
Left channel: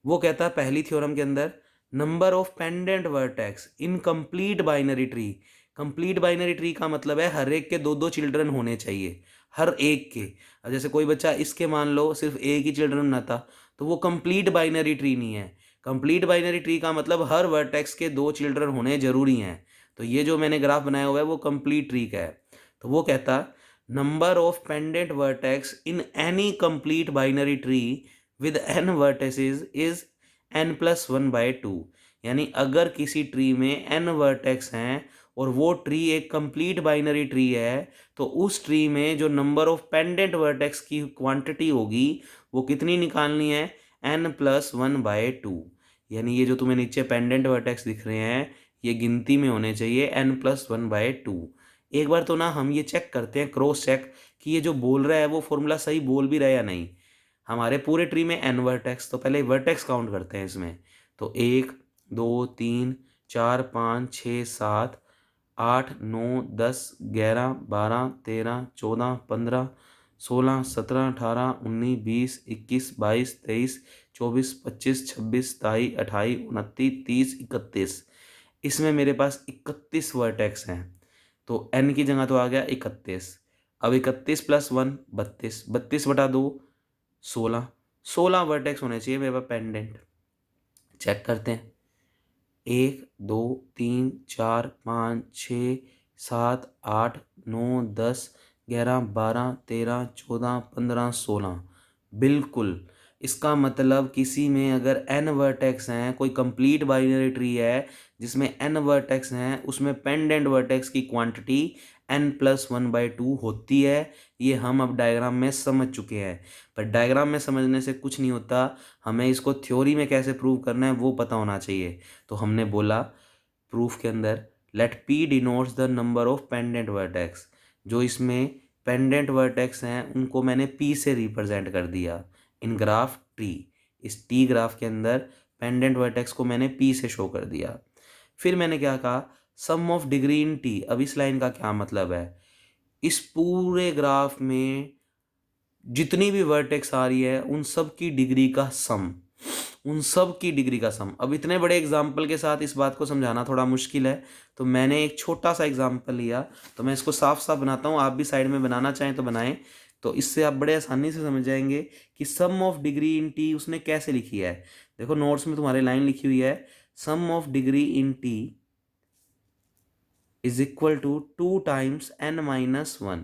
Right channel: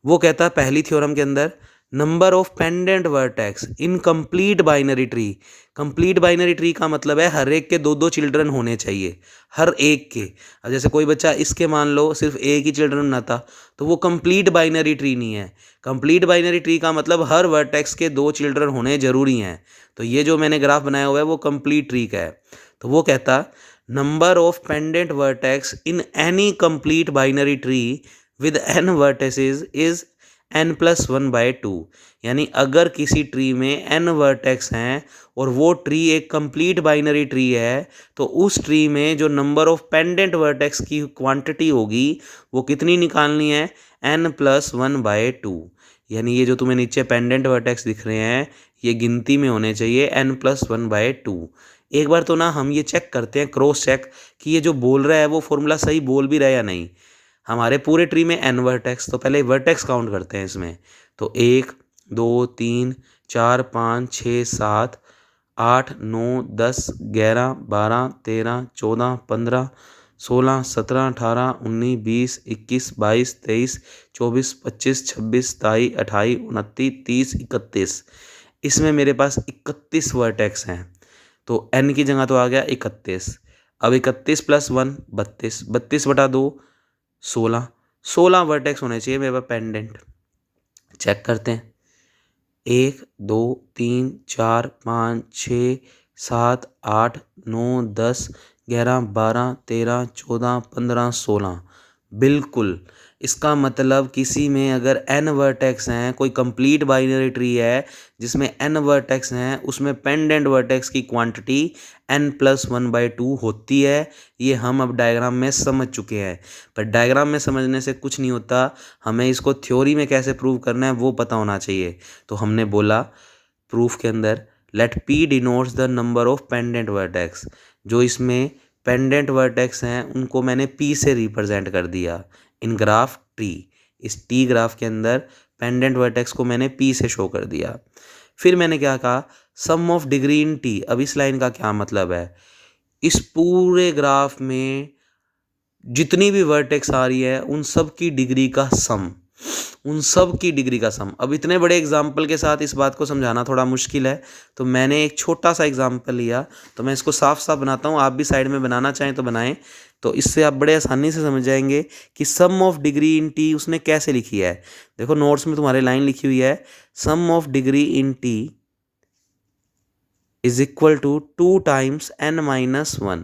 वो कहता है पहली थ्योरम के अंदर, number of pendant vertex in complete binary tree. Complete binary tree का मतलब है हर एक के 2 चिल्ड्रन होने चाहिए, हर एक के। अब जैसे कोई बच्चा इसके मान लो सिर्फ एक ही चिल्ड्रन ना था तो वो कंप्लीट बाइनरी ट्री नहीं है। कंप्लीट बाइनरी ट्री का मतलब हर वर्टेक्स के 2 चिल्ड्रन होने जरूरी हैं। तो ये जो मैंने ग्राफ बनाया हुआ है वो कंप्लीट ट्री का है। तो वो कहता, number of pendant vertex in any complete binary tree with n vertices is n+1/2। यानी अगर किसी ट्री में n वर्टेक्स हैं और वो ट्री एक कंप्लीट बाइनरी ट्री है तो उस ट्री में जो नंबर ऑफ पेंडेंट वर्टेक्स की क्वांटिटी होगी वो कितनी निकालनी है, n+1/2। यानी ये जो तुम्हें नीचे पेंडेंट वर्टेक्स दिख रहे हैं ये गिनती में होने चाहिए n+1/2। एक बार तो ना हम ये चेक करते हैं, क्रॉस चेक, कि ये जो बोल रहा है वो फॉर्मूला सही बोल भी रहा है या नहीं। हमारे पूरे ट्री में n वर्टेक्स, तो पहले वर्टेक्स काउंट करते हैं इसमें। तो 1 2 3 4 5 6 7 8 9 10 11 12 13 14 15 16 17 18 19 20 21 22 23 24 25 26 27 28 29 30 31। इसमें मेरे पास 31 वर्टेक्स हैं। तो n की जगह तो आ गया 31। अब 31 प्लस 1 32, 32/2 16, 16 वर्टेक्स होने चाहिए मेरे पास पेंडेंट। चेक करते हैं। 1 2 3 4 5 6 7 8 9 10 11 12 13 14 15 16। बिल्कुल। इसका मतलब किसी में अगर n वर्टेक्स हैं, कोई कंप्लीट बाइनरी ट्री है जिसमें n वर्टेक्स हैं, उसमें पेंडेंट वर्टेक्स की क्वांटिटी n+1/2 होती है। ये हम अब डायग्राम में समझ चुके हैं। पर डायग्राम में समझने से कुछ नहीं होता, हमें इसको थ्योरी में कैसे प्रूव करना है वो पता होना चाहिए। तो हमने बोला प्रूफ के अंदर let p denotes the number of pendant vertex. जो इसमें पेंडेंट वर्टेक्स हैं उनको मैंने p से रिप्रेजेंट कर दिया इन ग्राफ ट्री। इस टी ग्राफ के अंदर पेंडेंट वर्टेक्स को मैंने p से शो कर दिया। फिर मैंने क्या कहा, सम ऑफ डिग्री इन t। अब इस लाइन का क्या मतलब है, इस पूरे ग्राफ में जितनी भी वर्टेक्स आ रही है उन सब की डिग्री का सम, उन सब की डिग्री का सम। अब इतने बड़े एग्जाम्पल के साथ इस बात को समझाना थोड़ा मुश्किल है, तो मैंने एक छोटा सा एग्जाम्पल लिया। तो मैं इसको साफ साफ बनाता हूँ, आप भी साइड में बनाना चाहें तो बनाएं। तो इससे आप बड़े आसानी से समझ जाएंगे कि सम ऑफ डिग्री इन टी उसने कैसे लिखी है। देखो नोट्स में तुम्हारे लाइन लिखी हुई है, sum of degree in T is equal to 2 times n-1।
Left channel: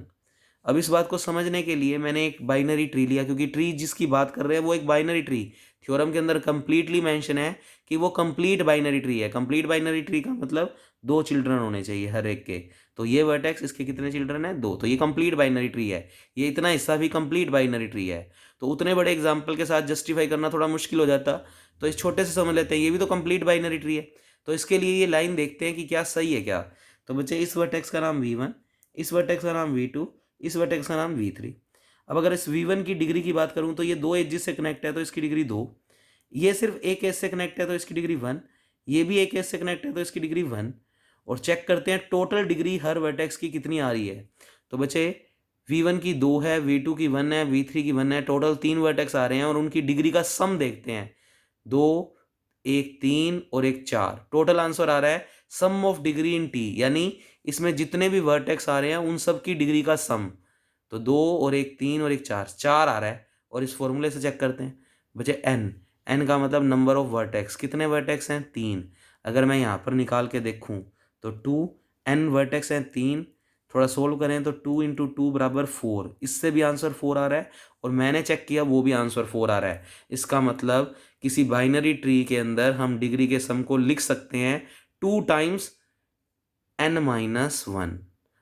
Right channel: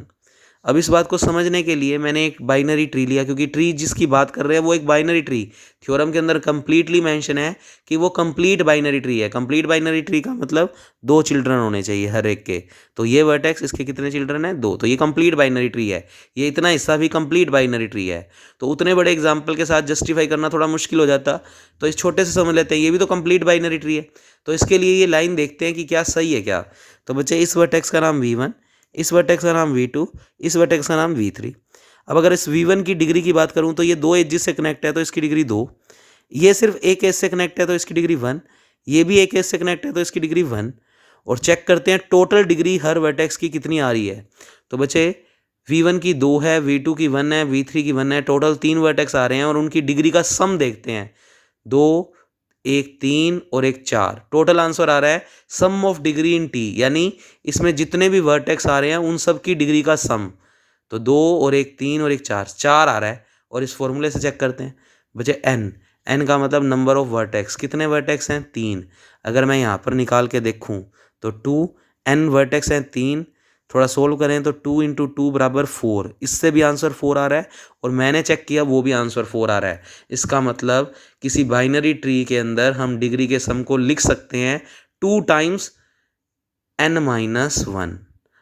अब इस बात को समझने के लिए मैंने एक बाइनरी ट्री लिया, क्योंकि ट्री जिसकी बात कर रहे हैं वो एक बाइनरी ट्री थ्योरम के अंदर कंप्लीटली मेंशन है कि वो कंप्लीट बाइनरी ट्री है। कंप्लीट बाइनरी ट्री का मतलब 2 चिल्ड्रन होने चाहिए हर एक के। तो ये वर्टेक्स, इसके कितने चिल्ड्रन हैं, 2। तो ये कंप्लीट बाइनरी ट्री है, ये इतना हिस्सा भी कंप्लीट बाइनरी ट्री है। तो उतने बड़े एग्जाम्पल के साथ जस्टिफाई करना थोड़ा मुश्किल हो जाता, तो इस छोटे से समझ लेते हैं ये भी तो कंप्लीट बाइनरी ट्री है। तो इसके लिए ये लाइन देखते हैं कि क्या सही है क्या। तो बच्चे इस वर्टेक्स का नाम v1, इस वर्टेक्स का नाम v2, इस वर्टेक्स का नाम v3। अब अगर इस v1 की डिग्री की बात करूं तो ये 2 एजेस से कनेक्ट है तो इसकी डिग्री 2, ये सिर्फ एक एज से कनेक्ट है तो इसकी डिग्री 1, ये भी एक एज से कनेक्ट है तो इसकी डिग्री 1। और चेक करते हैं टोटल डिग्री हर वर्टेक्स की कितनी आ रही है। तो बच्चे v1 की 2 है, v2 की 1 है, v3 की 1 है, टोटल 3 वर्टेक्स आ रहे हैं और उनकी डिग्री का सम देखते हैं। 2, एक 3 और एक 4। टोटल आंसर आ रहा है sum of degree in T, यानी इसमें जितने भी वर्टेक्स आ रहे हैं उन सब की डिग्री का सम। तो 2 और एक 3 और एक 4, 4 आ रहा है। और इस फॉर्मूले से चेक करते हैं बच्चे n, n का मतलब नंबर ऑफ वर्टेक्स। कितने वर्टेक्स हैं, 3। अगर मैं यहाँ पर निकाल के देखूँ तो 2, n वर्टेक्स हैं 3, थोड़ा सोल्व करें तो 2 × 2 = 4। इससे भी आंसर 4 आ रहा है और मैंने चेक किया वो भी आंसर 4 आ रहा है। इसका मतलब किसी बाइनरी ट्री के अंदर हम डिग्री के सम को लिख सकते हैं 2 टाइम्स n-1।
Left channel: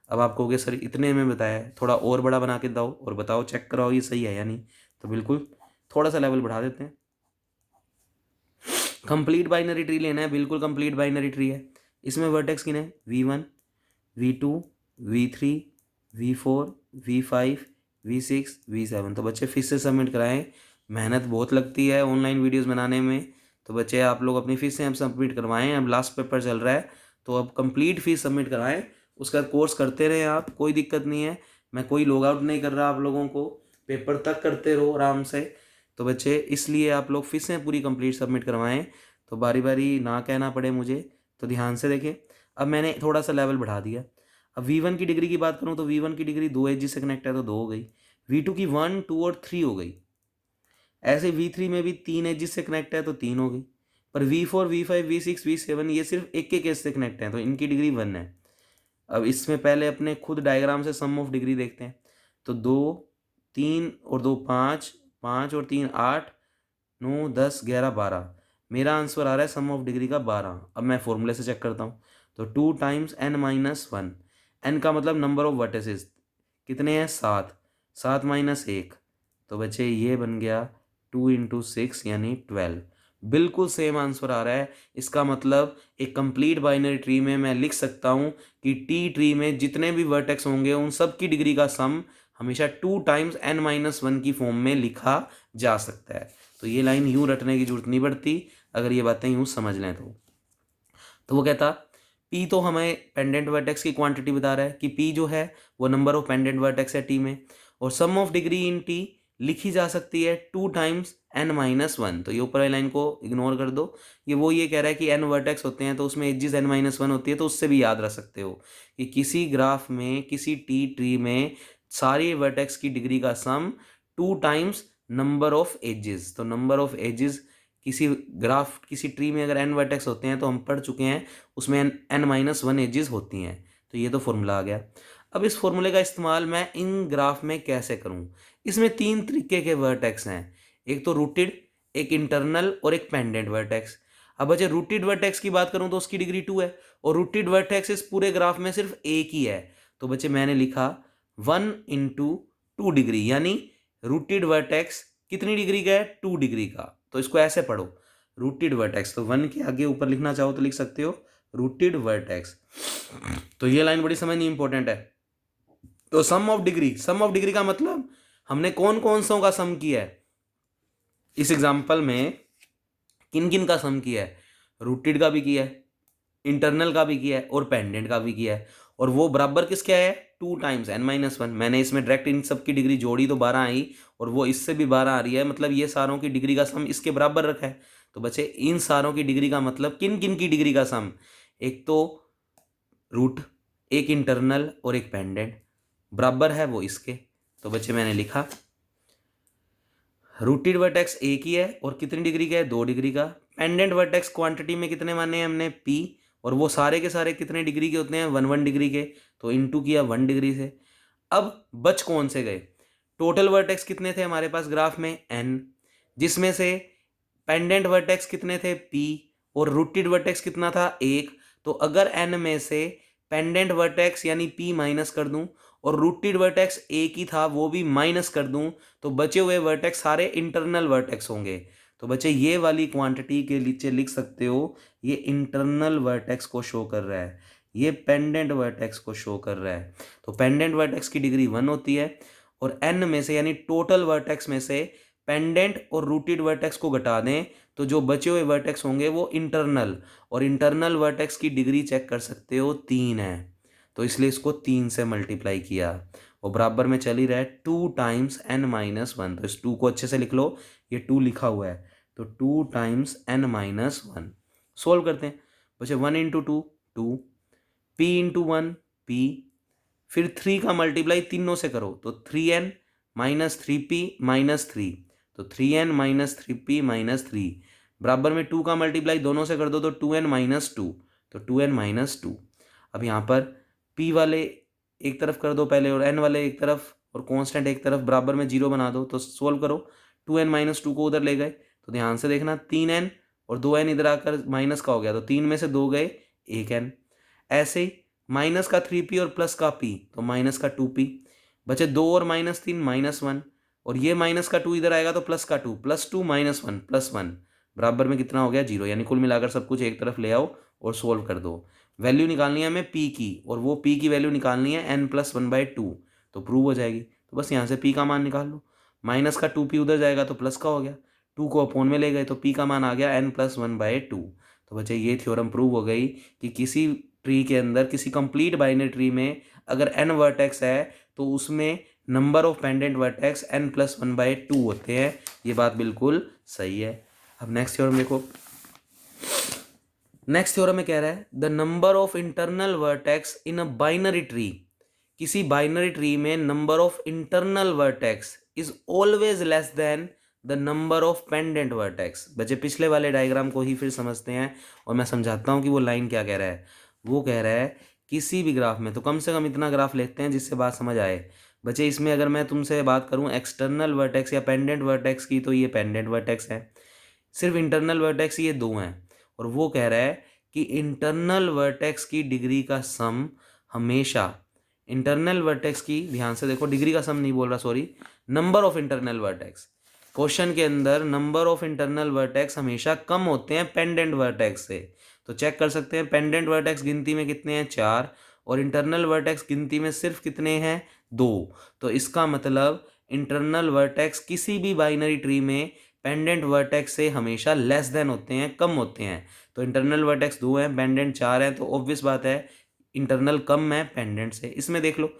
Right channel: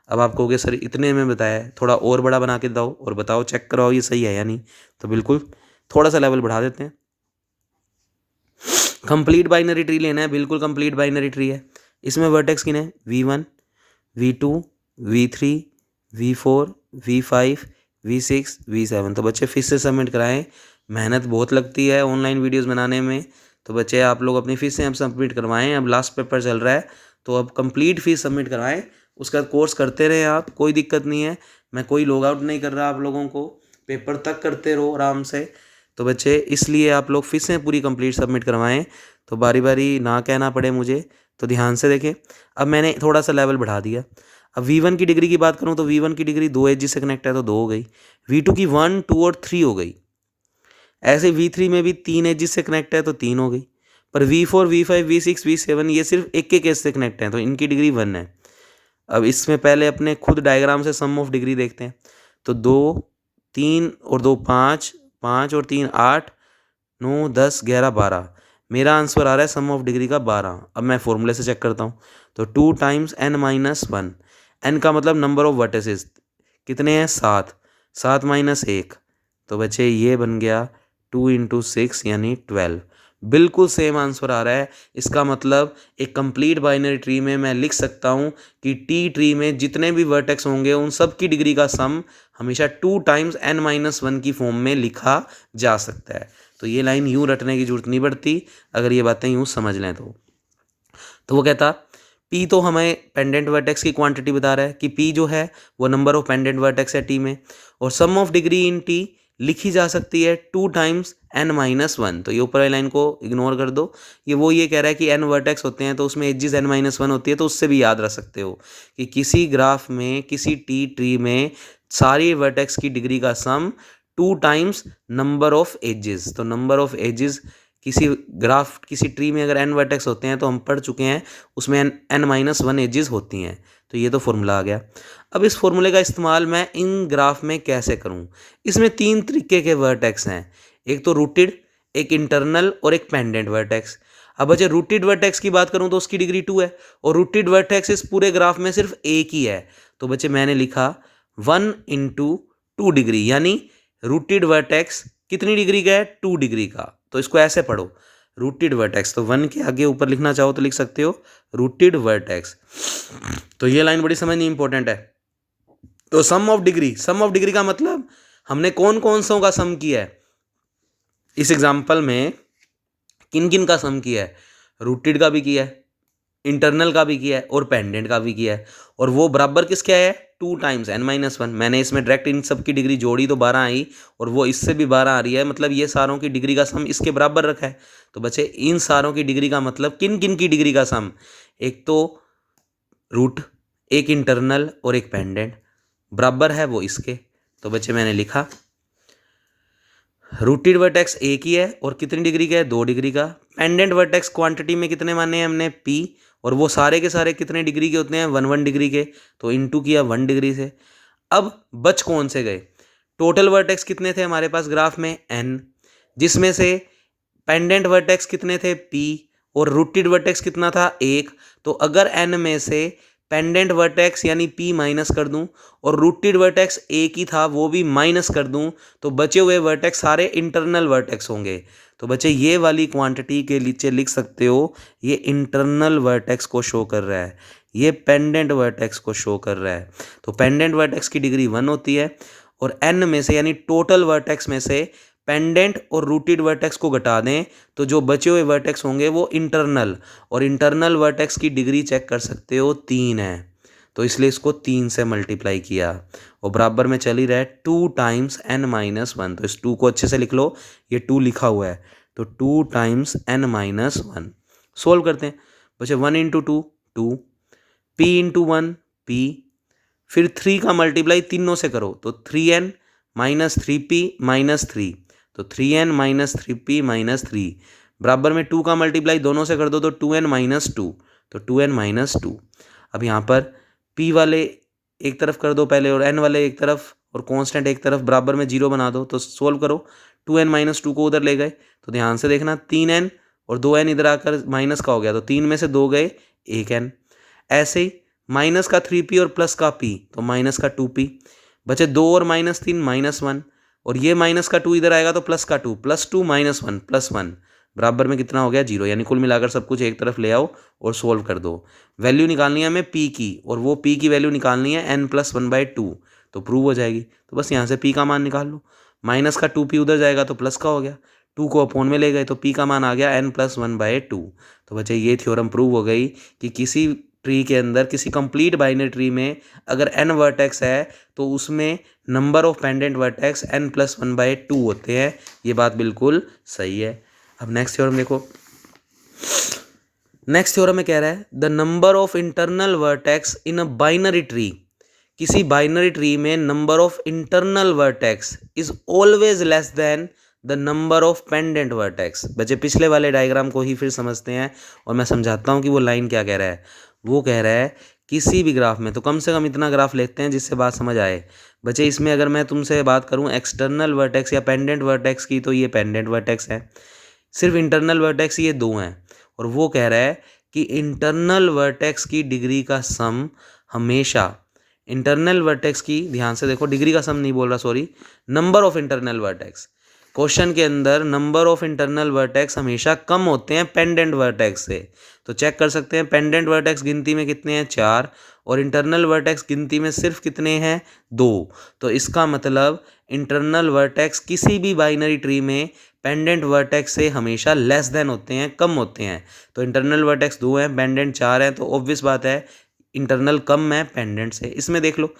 अब आप कहोगे सर इतने में बताया है, थोड़ा और बड़ा बना के दो और बताओ, चेक कराओ ये सही है या नहीं। तो बिल्कुल थोड़ा सा लेवल बढ़ा देते हैं। कंप्लीट बाइनरी ट्री लेना है, बिल्कुल कंप्लीट बाइनरी ट्री है। इसमें वर्टेक्स कितने हैं, v1, v2, v3, v4, v5, v6, v7। तो बच्चे फिर से सबमिट कराएं, मेहनत बहुत लगती है ऑनलाइन वीडियोस बनाने में। तो बच्चे आप लोग अपनी फीस से अब सबमिट करवाएं, अब लास्ट पेपर चल रहा है तो अब कंप्लीट फीस सबमिट कराएं। उसका कोर्स करते रहें आप, कोई दिक्कत नहीं है, मैं कोई लॉग आउट नहीं कर रहा आप लोगों को, पेपर तक करते रहो आराम से। तो बच्चे इसलिए आप लोग फीसें पूरी कंप्लीट सबमिट करवाएं, तो बारी बारी ना कहना पड़े मुझे। तो ध्यान से देखें, अब मैंने थोड़ा सा लेवल बढ़ा दिया। अब v1 की डिग्री की बात करूं तो v1 की डिग्री 2 एज से कनेक्ट है तो 2 हो गई, v2 की 1, 2 और 3 हो गई। ऐसे v3 में भी 3 एज से कनेक्ट है तो 3 हो गई। पर v4, v5, v6, v7 ये सिर्फ एक एक एज से कनेक्ट है तो इनकी डिग्री 1 है। अब इसमें पहले अपने खुद डायग्राम से सम ऑफ डिग्री देखते हैं। तो 2, 3 और 2 5, 5 और 3 8, 9, 10, 11, 12। मेरा आंसर आ रहा है सम ऑफ डिग्री का 12। अब मैं फॉर्मूले से चेक करता हूँ तो 2 टाइम्स n-1। n का मतलब नंबर ऑफ वर्टिसेस कितने हैं, 7, 7 - 1। तो बच्चे ये बन गया 2 × 6 यानी 12। बिल्कुल सेम आंसर आ रहा है। इसका मतलब एक कंप्लीट बाइनरी ट्री में मैं लिख सकता हूँ कि टी ट्री में जितने भी वर्टेक्स होंगे उन सब की डिग्री का सम हमेशा 2 टाइम्स n-1 की फॉर्म में लिखा जा सकता है। तो ये लाइन यूँ रटने की जरूरत नहीं पड़ती अगर ये बातें यूँ समझ लें तो वो कहता पी तो हमें पेंडेंट वर्टेक्स की क्वांटिटी बता रहा है कि पी जो है वो नंबर ऑफ पेंडेंट वर्टेक्स है टी में, और सम ऑफ डिग्री इन टी लिखी जा सकती है 2 टाइम्स n-1। तो ये ऊपर वाली लाइन को इग्नोर कर दो, ये कह रहा है कि n वर्टेक्स होते हैं तो उसमें एजिस n-1 होती है, तो उससे भी याद रख सकते हो कि किसी ग्राफ में किसी टी ट्री में सारी वर्टेक्स की डिग्री का सम 2 टाइम्स नंबर ऑफ एजेस। तो नंबर ऑफ एजेस किसी ग्राफ किसी ट्री में अगर n वर्टेक्स होते हैं तो हम पढ़ चुके हैं उसमें n-1 एजेस होती हैं। तो ये तो फॉर्मूला आ गया। अब इस फॉर्मूले का इस्तेमाल मैं इन ग्राफ में कैसे करूं? इसमें 3 तरीके के वर्टेक्स हैं, एक तो रूटेड, एक इंटरनल और एक पेंडेंट वर्टेक्स। अब बच्चे रूटेड वर्टेक्स की बात करूं तो उसकी डिग्री 2 है, और रूटेड वर्टेक्स इस पूरे ग्राफ में सिर्फ एक ही है। तो बच्चे मैंने लिखा 1 इंटू 2 डिग्री, यानी रूटेड वर्टेक्स कितनी डिग्री का है? 2 डिग्री का। तो इसको ऐसे पढ़ो, रूटेड वर्टेक्स, तो 1 के आगे ऊपर लिखना चाहो तो लिख सकते हो रूटेड वर्टेक्स। तो ये लाइन बड़ी समझनी इंपॉर्टेंट है। तो सम ऑफ डिग्री का मतलब हमने कौन कौन सो का सम किया है इस एग्जांपल में, किन किन का सम किया है? रूटेड का भी किया है, इंटरनल का भी किया है और पेंडेंट का भी किया है, और वो बराबर किसके है? 2 टाइम्स n-1। मैंने इसमें डायरेक्ट इन सब की डिग्री जोड़ी तो 12 आई, और वो इससे भी 12 आ रही है, मतलब ये सारों की डिग्री का सम इसके बराबर रखा है। तो बच्चे इन सारों की डिग्री का मतलब किन किन की डिग्री का सम? एक तो रूट, एक इंटरनल और एक पेंडेंट, बराबर है वो इसके। तो बच्चे मैंने लिखा रूटेड वर्टेक्स एक ही है और कितनी डिग्री का है? 2 डिग्री का। पेंडेंट वर्टेक्स क्वांटिटी में कितने माने हैं हमने? पी, और वो सारे के सारे कितने डिग्री के होते हैं? 1 डिग्री के। तो इनटू किया 1 डिग्री से। अब बच कौन से गए? टोटल वर्टेक्स कितने थे हमारे पास ग्राफ में? n, जिसमें से पेंडेंट वर्टेक्स कितने थे? p, और रूटेड वर्टेक्स कितना था? 1। तो अगर n में से पेंडेंट वर्टेक्स यानी p माइनस कर दूं और रूटेड वर्टेक्स एक ही था वो भी माइनस कर दूं, तो बचे हुए वर्टेक्स सारे इंटरनल वर्टेक्स होंगे। तो बच्चे ये वाली क्वांटिटी के नीचे लिख सकते हो ये इंटरनल वर्टेक्स को शो कर रहा है, ये पेंडेंट वर्टेक्स को शो कर रहा है। तो पेंडेंट वर्टेक्स की डिग्री 1 होती है, और n में से यानी टोटल वर्टेक्स में से पेंडेंट और रूटेड वर्टेक्स को घटा दें तो जो बचे हुए वर्टेक्स होंगे वो इंटरनल, और इंटरनल वर्टेक्स की डिग्री चेक कर सकते हो 3 है। तो इसलिए इसको 3 से मल्टीप्लाई किया, और बराबर में चल ही रहा है 2 टाइम्स n-1। तो इस 2 को अच्छे से लिख लो, ये 2 लिखा हुआ है, तो 2 टाइम्स n-1। सोल्व करते हैं बच्चे, 1 इंटू 2 2, p इंटू 1 p, फिर 3 का मल्टीप्लाई तीनों से करो तो 3n माइनस 3p माइनस 3, तो 3n माइनस 3p माइनस 3, बराबर में 2 का मल्टीप्लाई दोनों से कर दो तो 2n माइनस 2, तो 2n माइनस 2। अब यहाँ पर p वाले एक तरफ कर दो पहले और n वाले एक तरफ और कांस्टेंट एक तरफ, बराबर में 0 बना दो। तो सोल्व करो, 2n माइनस 2 को उधर ले गए तो ध्यान से देखना 3n और 2n इधर आकर माइनस का हो गया, तो 3 में से 2 गए 1n। ऐसे ही माइनस का 3p और प्लस का p, तो माइनस का 2p, बचे 2 और माइनस 3 -1, और ये माइनस का 2 इधर आएगा तो प्लस का 2, प्लस 2 माइनस 1 प्लस 1, बराबर में कितना हो गया? 0। यानी कुल मिलाकर सब कुछ एक तरफ ले आओ और सोल्व कर दो। वैल्यू निकालनी है हमें p की, और वो p की वैल्यू निकालनी है n+1/2, तो प्रूव हो जाएगी। तो बस यहाँ से p का मान निकाल लो, माइनस का 2p उधर जाएगा तो प्लस का हो गया, 2 को अपोन में ले गए तो p का मान आ गया n+1/2। तो बच्चे ये थ्योरम प्रूव हो गई कि किसी ट्री के अंदर, किसी कंप्लीट बाइनरी ट्री में अगर n वर्टेक्स है तो उसमें number of pendant vertex n+1/2 होते हैं। ये बात बिल्कुल सही है। अब नेक्स्ट थ्योरम देखो, नेक्स्ट थ्योरम में कह रहा है the number of internal vertex in a binary tree, किसी बाइनरी ट्री में number of internal vertex is always less than the number of pendant vertex. बच्चे पिछले वाले डायग्राम को ही फिर समझते हैं और मैं समझाता हूँ कि वो लाइन क्या कह रहा है। वो कह रहा है किसी भी ग्राफ में, तो कम से कम इतना ग्राफ लेते हैं जिससे बात समझ आए। बच्चे इसमें अगर मैं तुमसे बात करूं एक्सटर्नल वर्टेक्स या पेंडेंट वर्टेक्स की, तो ये पेंडेंट वर्टेक्स है, सिर्फ इंटरनल वर्टेक्स ये 2 हैं। और वो कह रहा है कि इंटरनल वर्टेक्स की डिग्री का सम हमेशा, इंटरनल वर्टेक्स की, ध्यान से देखो डिग्री का सम नहीं बोल रहा, sorry, number of internal vertex, question के अंदर नंबर ऑफ इंटरनल वर्टेक्स हमेशा कम होते हैं पेंडेंट वर्टेक्स से। तो चेक कर सकते हैं पेंडेंट वर्टेक्स गिनती में कितने हैं? 4, और इंटरनल वर्टेक्स गिनती में सिर्फ कितने हैं? 2। तो इसका मतलब इंटरनल वर्टेक्स किसी भी बाइनरी ट्री में पेंडेंट वर्टेक्स से हमेशा लेस देन होते हैं, कम होते हैं। तो इंटरनल वर्टेक्स 2 हैं, पेंडेंट 4 हैं, तो ऑब्वियस बात है इंटरनल कम है पेंडेंट से। इसमें देख लो,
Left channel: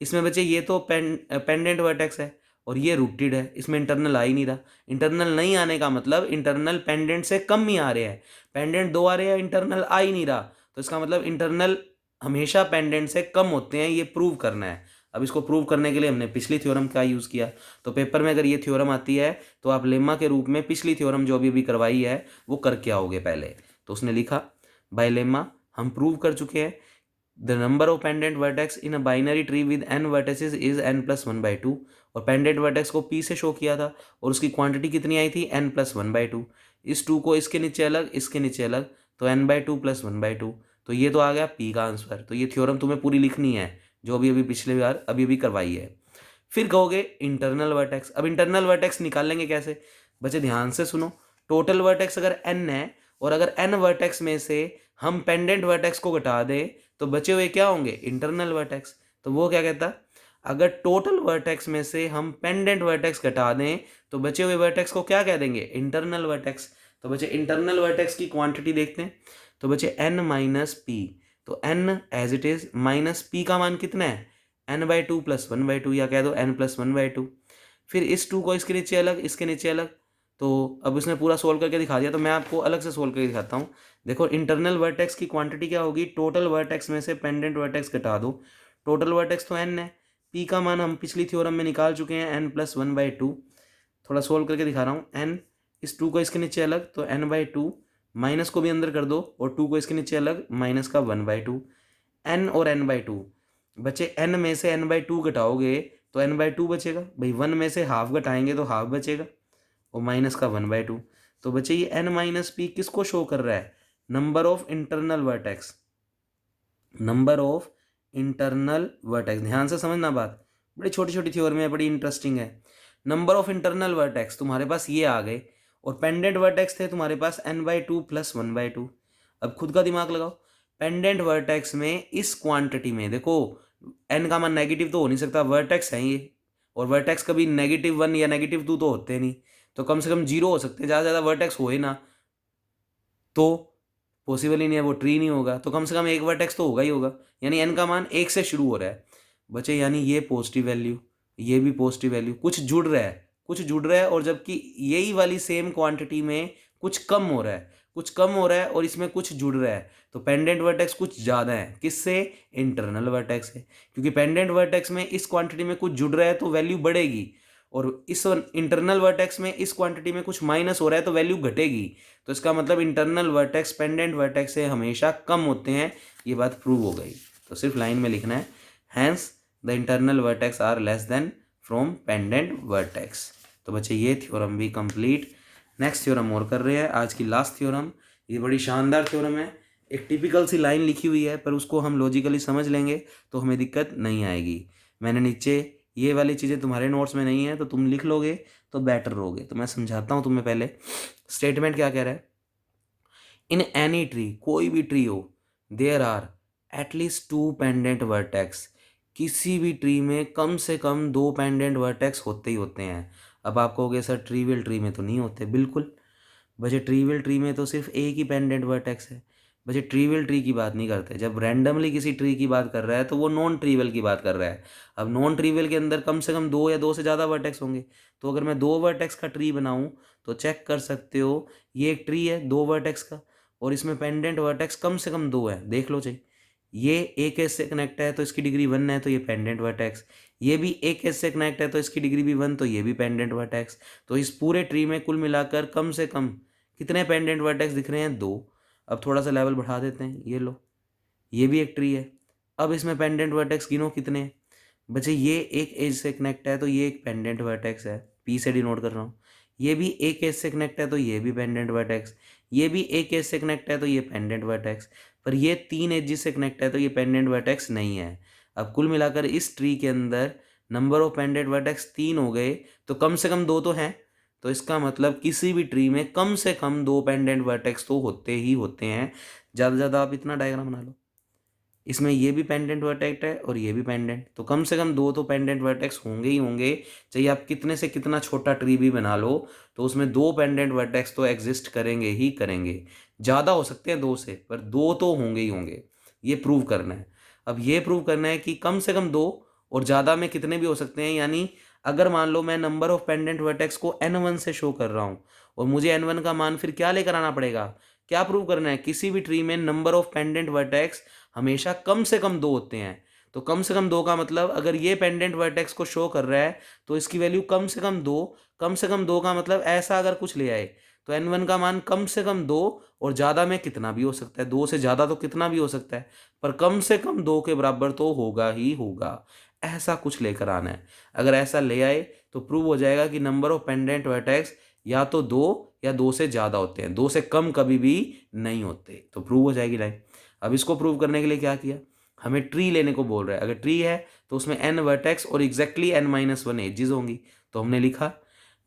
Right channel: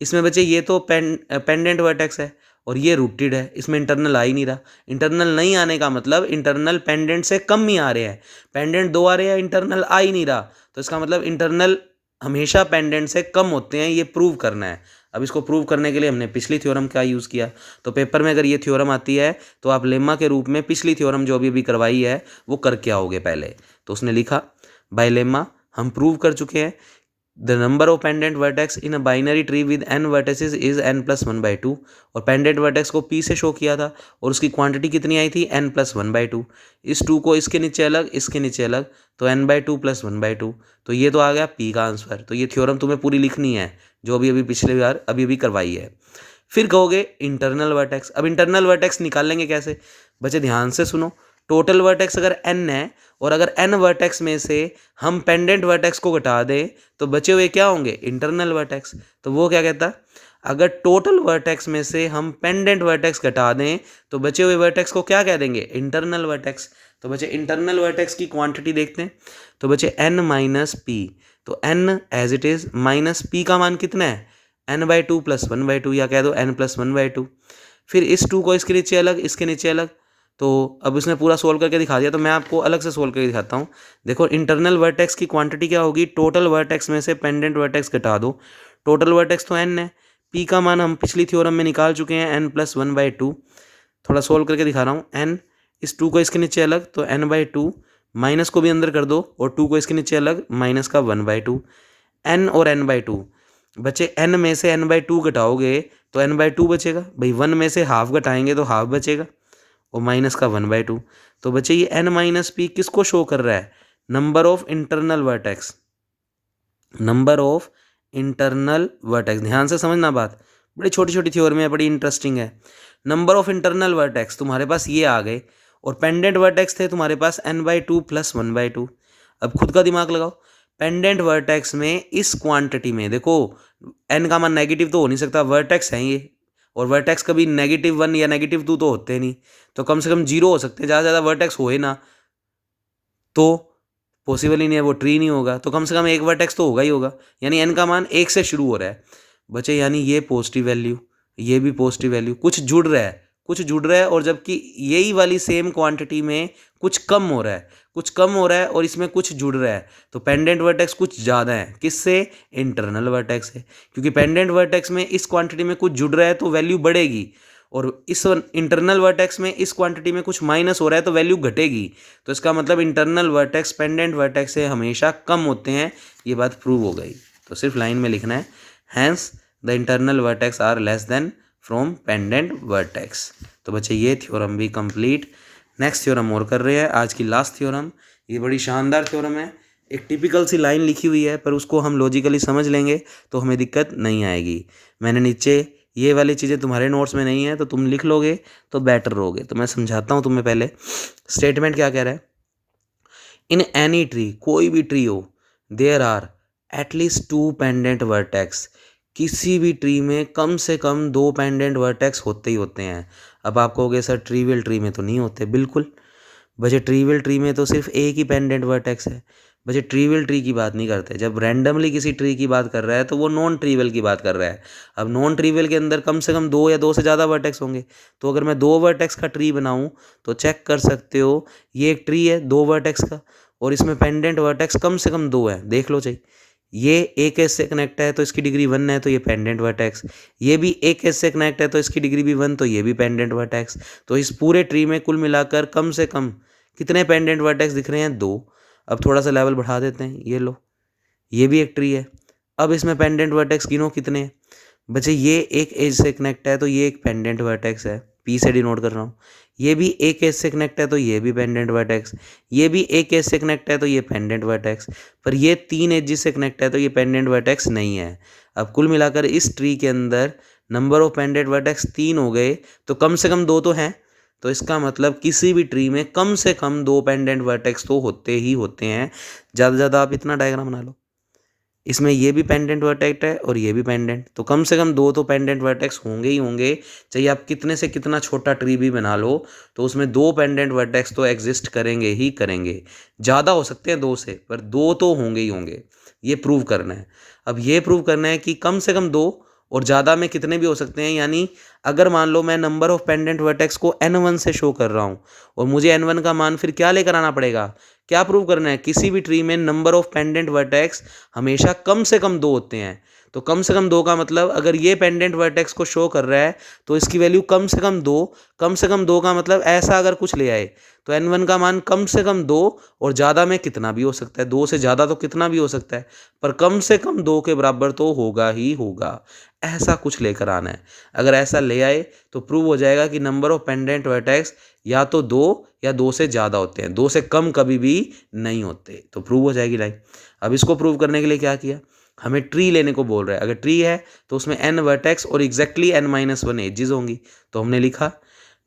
इसमें बच्चे ये तो पेंडेंट वर्टेक्स है और ये रूटेड है, इसमें इंटरनल आ ही नहीं रहा। इंटरनल नहीं आने का मतलब इंटरनल पेंडेंट से कम ही आ रहे हैं, पेंडेंट 2 आ रहे हैं, इंटरनल आ ही नहीं रहा। तो इसका मतलब इंटरनल हमेशा पेंडेंट से कम होते हैं, ये प्रूव करना है। अब इसको प्रूव करने के लिए हमने पिछली थ्योरम का यूज़ किया। तो पेपर में अगर ये थ्योरम आती है तो आप लेमा के रूप में पिछली थ्योरम जो अभी करवाई है वो करके आओगे पहले। तो उसने लिखा बाय लेमा हम प्रूव कर चुके हैं the number of pendant vertex in a binary tree with n vertices is n+1/2। और पेंडेंट वर्टेक्स को p से शो किया था और उसकी क्वांटिटी कितनी आई थी n+1/2। इस 2 को इसके नीचे अलग, इसके नीचे अलग, तो n/2+1/2। तो ये तो आ गया p का आंसर। तो ये थ्योरम तुम्हें पूरी लिखनी है जो अभी पिछले बार अभी करवाई है। फिर कहोगे इंटरनल वर्टेक्स। अब इंटरनल वर्टेक्स निकालेंगे कैसे? बच्चे ध्यान से सुनो, टोटल वर्टेक्स अगर n है और अगर n वर्टेक्स में से हम पेंडेंट वर्टेक्स को घटा दें तो बचे हुए क्या होंगे? Internal vertex. तो वो क्या कहता, अगर टोटल वर्टेक्स में से हम पेंडेंट वर्टेक्स घटा दें तो बचे हुए वर्टेक्स को क्या कह देंगे? Internal vertex. तो बच्चे इंटरनल वर्टेक्स की क्वांटिटी देखते हैं। तो बच्चे n-p, तो n as it is minus p का मान कितना है? n/2+1/2, या कह दो n+1/2। फिर इस 2 को इसके नीचे अलग, इसके नीचे अलग। तो अब उसने पूरा सोल्व करके दिखा दिया, तो मैं आपको अलग से सोल्व करके दिखाता हूँ। देखो इंटरनल वर्टेक्स की क्वांटिटी क्या होगी? टोटल वर्टेक्स में से पेंडेंट वर्टेक्स घटा दो। टोटल वर्टेक्स तो n है, p का मान हम पिछली थ्योरम में निकाल चुके हैं n+1/2। थोड़ा सोल्व करके दिखा रहा हूँ। n, इस 2 को इसके नीचे अलग तो n/2, माइनस को भी अंदर कर दो और 2 को इसके नीचे अलग, माइनस का 1/2। n और n/2 बचे, n में से n/2 घटाओगे तो n/2 बचेगा भाई, 1 में से हाफ घटाएंगे तो हाफ बचेगा और माइनस का 1/2। तो बच्चे ये n-p किसको शो कर रहा है? Number of internal vertex, number of internal vertex. ध्यान से समझना बात, बड़ी छोटी छोटी थ्योरम है, बड़ी इंटरेस्टिंग है। नंबर ऑफ इंटरनल वर्टेक्स तुम्हारे पास ये आ गए और पेंडेंट वर्टेक्स थे तुम्हारे पास n/2+1/2। अब खुद का दिमाग लगाओ, पेंडेंट वर्टेक्स में इस क्वांटिटी में देखो n का मान नेगेटिव तो हो नहीं सकता, वर्टेक्स है ये, और वर्टेक्स कभी -1 या -2 तो होते नहीं, तो कम से कम 0 हो सकते हैं, ज़्यादा ज़्यादा वर्टेक्स होए ना तो पॉसिबल ही नहीं है, वो ट्री नहीं होगा, तो कम से कम एक वर्टेक्स तो होगा ही होगा, यानी n का मान 1 से शुरू हो रहा है बच्चे, यानी ये पॉजिटिव वैल्यू, ये भी पॉजिटिव वैल्यू, कुछ जुड़ रहा है, कुछ जुड़ रहा है, और जबकि यही वाली सेम क्वांटिटी में कुछ कम हो रहा है, कुछ कम हो रहा है और इसमें कुछ जुड़ रहा है, तो पेंडेंट वर्टेक्स कुछ ज़्यादा है, किससे? इंटरनल वर्टेक्स है, क्योंकि पेंडेंट वर्टेक्स में इस क्वांटिटी में कुछ जुड़ रहा है तो वैल्यू बढ़ेगी, और इस इंटरनल वर्टेक्स में इस क्वांटिटी में कुछ माइनस हो रहा है तो वैल्यू घटेगी। तो इसका मतलब इंटरनल वर्टेक्स पेंडेंट वर्टेक्स से हमेशा कम होते हैं, ये बात प्रूव हो गई। तो सिर्फ लाइन में लिखना है, hence the internal vertex are less than from pendant vertex. तो बच्चे ये थ्योरम भी कंप्लीट। नेक्स्ट थ्योरम और कर रहे हैं, आज की लास्ट थ्योरम। ये बड़ी शानदार थ्योरम है, एक टिपिकल सी लाइन लिखी हुई है पर उसको हम लॉजिकली समझ लेंगे तो हमें दिक्कत नहीं आएगी। मैंने नीचे ये वाली चीज़ें तुम्हारे नोट्स में नहीं है तो तुम लिख लोगे तो बेटर रहोगे। तो मैं समझाता हूँ तुम्हें, पहले स्टेटमेंट क्या कह रहा है। इन एनी ट्री, कोई भी ट्री हो, there are at least 2 pendant vertex, किसी भी ट्री में कम से कम 2 पेंडेंट वर्टेक्स होते ही होते हैं। अब आप कहोगे सर ट्रीवियल ट्री में तो नहीं होते, बिल्कुल बच्चे, ट्रीवियल ट्री में तो सिर्फ एक ही पेंडेंट वर्टेक्स है। बच्चे ट्रीवियल ट्री की बात नहीं करते, जब रैंडमली किसी ट्री की बात कर रहा है तो वो नॉन ट्रीवियल की बात कर रहा है। अब नॉन ट्रीवियल के अंदर कम से कम 2 या 2 से ज़्यादा वर्टेक्स होंगे, तो अगर मैं 2 वर्टेक्स का ट्री बनाऊं तो चेक कर सकते हो, ये एक ट्री है 2 वर्टेक्स का और इसमें पेंडेंट वर्टेक्स कम से कम 2 है, देख लो चाहिए। ये एक एज से कनेक्ट है तो इसकी डिग्री 1 है, तो ये पेंडेंट वर्टेक्स। ये भी एक एज से कनेक्ट है तो इसकी डिग्री भी 1, तो ये भी पेंडेंट वर्टेक्स। तो इस पूरे ट्री में कुल मिलाकर कम से कम कितने पेंडेंट वर्टेक्स दिख रहे हैं? 2। अब थोड़ा सा लेवल बढ़ा देते हैं, ये लो, ये भी एक ट्री है। अब इसमें पेंडेंट वर्टेक्स गिनो कितने हैं बच्चे, ये एक एज से कनेक्ट है तो ये एक पेंडेंट वर्टेक्स है, पी से डिनोट कर रहा हूँ। ये भी एक एज से कनेक्ट है तो ये भी पेंडेंट वर्टेक्स, ये भी एक एज से कनेक्ट है तो ये पेंडेंट वर्टेक्स, पर ये 3 एजेस से कनेक्ट है तो ये पेंडेंट वर्टेक्स नहीं है। अब कुल मिलाकर इस ट्री के अंदर नंबर ऑफ पेंडेंट वर्टेक्स 3 हो गए, तो कम से कम 2 तो हैं। तो इसका मतलब किसी भी ट्री में कम से कम 2 पेंडेंट वर्टेक्स तो होते ही होते हैं। ज़्यादा से ज़्यादा आप इतना डायग्राम बना लो, इसमें ये भी पेंडेंट वर्टेक्स है और ये भी पेंडेंट, तो कम से कम दो तो पेंडेंट वर्टेक्स होंगे ही होंगे। चाहे आप कितने से कितना छोटा ट्री भी बना लो तो उसमें दो पेंडेंट वर्टेक्स तो एग्जिस्ट करेंगे ही करेंगे। ज़्यादा हो सकते हैं दो से, पर दो तो होंगे ही होंगे। ये प्रूव करना है। अब ये प्रूव करना है कि कम से कम दो और ज़्यादा में कितने भी हो सकते हैं। यानी अगर मान लो मैं नंबर ऑफ पेंडेंट वर्टेक्स को n1 से शो कर रहा हूँ और मुझे n1 का मान फिर क्या लेकर आना पड़ेगा, क्या प्रूव करना है, किसी भी ट्री में नंबर ऑफ पेंडेंट वर्टेक्स हमेशा कम से कम दो होते हैं। तो कम से कम दो का मतलब अगर ये पेंडेंट वर्टेक्स को शो कर रहा है तो इसकी वैल्यू कम से कम दो। कम से कम दो का मतलब ऐसा अगर कुछ ले आए तो n1 का मान कम से कम दो और ज़्यादा में कितना भी हो सकता है, दो से ज़्यादा तो कितना भी हो सकता है, पर कम से कम दो के बराबर तो होगा ही होगा। ऐसा कुछ लेकर आना है। अगर ऐसा ले आए तो प्रूव हो जाएगा कि नंबर ऑफ पेंडेंट वर्टेक्स या तो दो या दो से ज़्यादा होते हैं, दो से कम कभी भी नहीं होते, तो प्रूव हो जाएगी लाइन। अब इसको प्रूव करने के लिए क्या किया, हमें ट्री लेने को बोल रहा है। अगर ट्री है तो उसमें n वर्टेक्स और एग्जैक्टली n-1 एजेस होंगी, तो हमने लिखा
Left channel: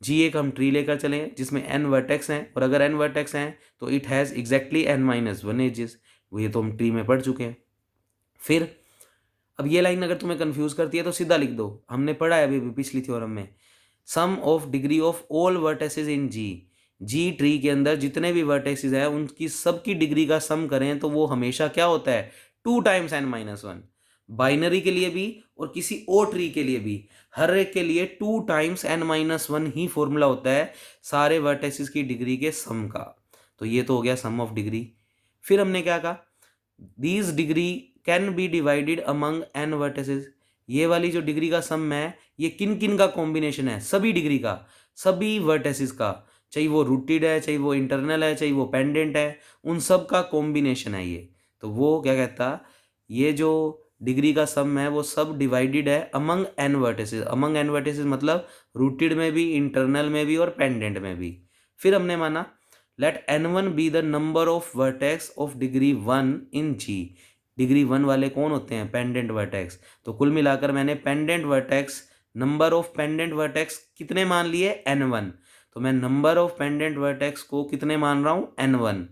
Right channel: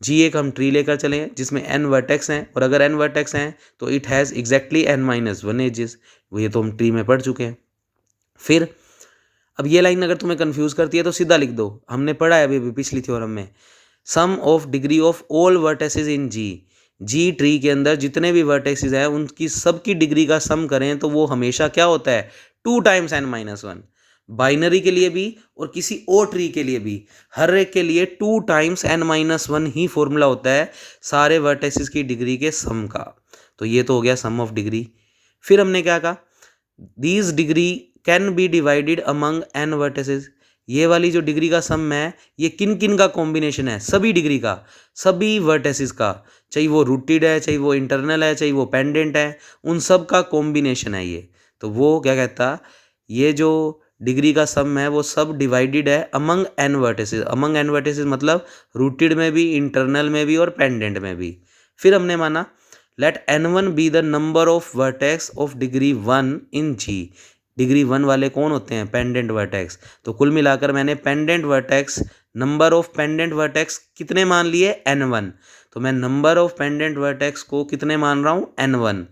जी एक हम ट्री लेकर चले जिसमें n वर्टेक्स हैं और अगर n वर्टेक्स हैं तो it has exactly n-1 edges. वो ये तो हम ट्री में पढ़ चुके हैं। फिर अब ये लाइन अगर तुम्हें कंफ्यूज करती है तो सीधा लिख दो, हमने पढ़ा है अभी पिछली थ्योरम में, sum of degree of all vertices in G tree के अंदर जितने भी वर्टेसेस हैं उनकी सबकी डिग्री का सम करें तो वो हमेशा क्या होता है, 2 टाइम्स n-1। बाइनरी के लिए भी और किसी और ट्री के लिए भी हर एक के लिए 2 टाइम्स n-1 ही फॉर्मूला होता है सारे वर्टेसेस की डिग्री के सम का। तो ये तो हो गया सम ऑफ डिग्री। फिर हमने क्या कहा, these degree can be divided among n vertices. ये वाली जो डिग्री का सम है ये किन किन का कॉम्बिनेशन है, सभी डिग्री का, सभी वर्टेसेस का, चाहे वो रूटेड है, चाहे वो इंटरनल है, चाहे वो पेंडेंट है, उन सब का कॉम्बिनेशन है ये। तो वो क्या कहता, ये जो डिग्री का सम है वो सब डिवाइडेड है among n vertices. Among n vertices मतलब रूटेड में भी, इंटरनल में भी और पेंडेंट में भी। फिर हमने माना let n1 be the number of vertex of degree 1 in G. Degree 1 वाले कौन होते हैं, पेंडेंट वर्टेक्स। तो कुल मिलाकर मैंने pendant vertex, number of pendant vertex कितने मान लिए, n1। तो मैं नंबर ऑफ पेंडेंट वर्टेक्स को कितने मान रहा हूँ, n1।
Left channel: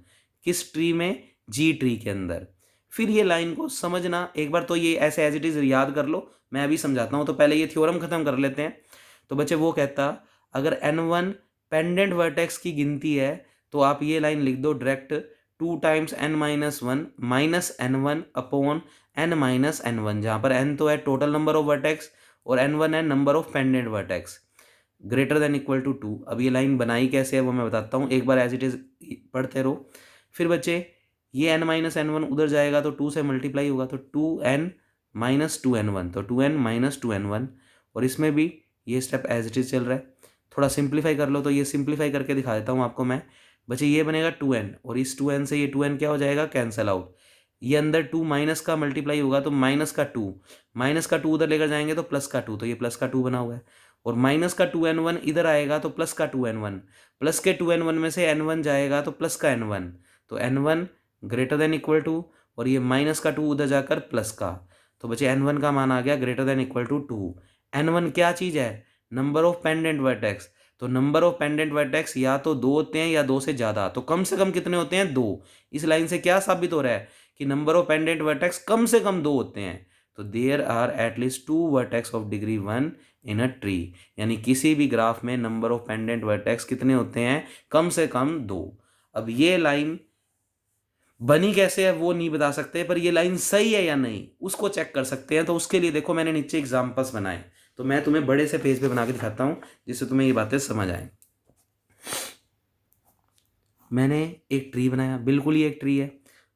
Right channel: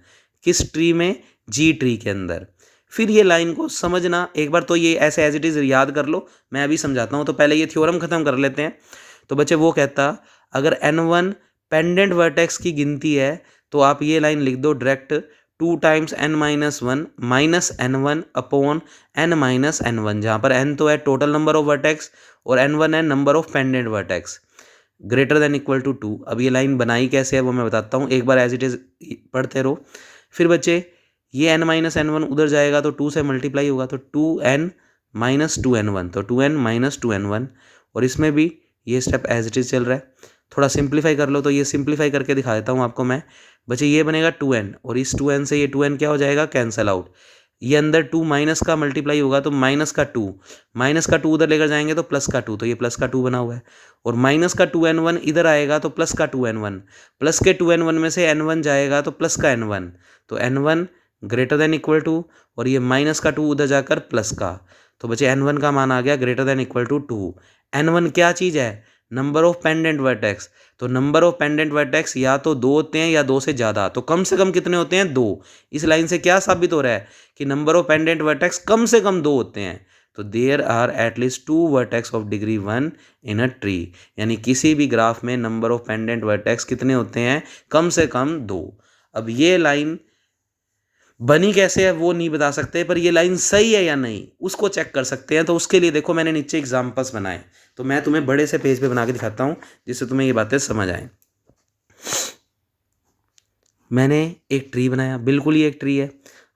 किस ट्री में, जी ट्री के अंदर। फिर ये लाइन को समझना एक बार, तो ये ऐसे एज इट इज़ याद कर लो, मैं अभी समझाता हूँ। तो पहले ये थ्योरम खत्म कर लेते हैं। तो बच्चे वो कहता अगर n1 पेंडेंट वर्टेक्स की गिनती है तो आप ये लाइन लिख दो direct, 2 times n-1 minus n1 upon n-1, जहाँ पर n तो है टोटल नंबर ऑफ वर्टेक्स और n1 है number of pendant vertex, greater than equal to 2। अब ये लाइन बनाई कैसे है वो मैं बताता हूँ, एक बार एज इट इज़ पढ़ते रहो। फिर बच्चे ये n-1 उधर जाएगा तो 2 से मल्टीप्लाई होगा, तो 2n-2n1, तो 2n-2n1। और इसमें भी ये स्टेप एज इट इज़ चल रहा है। थोड़ा सिंप्लीफाई कर लो, तो ये सिंप्लीफाई करके दिखा देता हूँ आपको मैं। बच्चे ये बनेगा 2n और इस 2n से ये 2n क्या हो जाएगा, कैंसल आउट। ये अंदर 2 माइनस का मल्टीप्लाई होगा तो माइनस का 2 उधर लेकर जाएंगे तो प्लस का 2, तो ये प्लस का 2 बना हुआ है। और माइनस का 2n1 इधर आएगा तो प्लस का 2n1, प्लस के 2n1 में से n1 जाएगा तो प्लस का n1, तो n1 greater than equal to, और ये माइनस का 2 उधर जाकर प्लस का, तो बच्चे n1 का मान आ गया greater than equal to 2। n1 क्या चीज़ है, नंबर ऑफ पेंडेंट वर्टेक्स। तो नंबर ऑफ पेंडेंट वर्टेक्स या तो दो होते हैं या दो से ज़्यादा, तो कम से कम कितने होते हैं, दो। इस लाइन से क्या साबित हो रहा है कि नंबर ऑफ पेंडेंट वर्टेक्स कम से कम दो होते हैं। तो there are at least 2 vertex of degree 1 in a tree, यानी किसी भी ग्राफ में नंबर ऑफ पेंडेंट वर्टेक्स कितने होते हैं, कम से कम दो। अब ये लाइन बनी कैसे है वो नहीं बता सकते, पर ये लाइन सही है या नहीं उसको चेक कर सकते हैं। तो उसके लिए देखो मैंने नीचे एग्जाम्पल्स बनाए, तो मैं तुम्हें बड़े से पेज पे बना के दिखाता हूँ जिससे तुम्हें ये बातें समझ आए। मैंने एक ट्री बनाया, बिल्कुल ये एक ट्री है।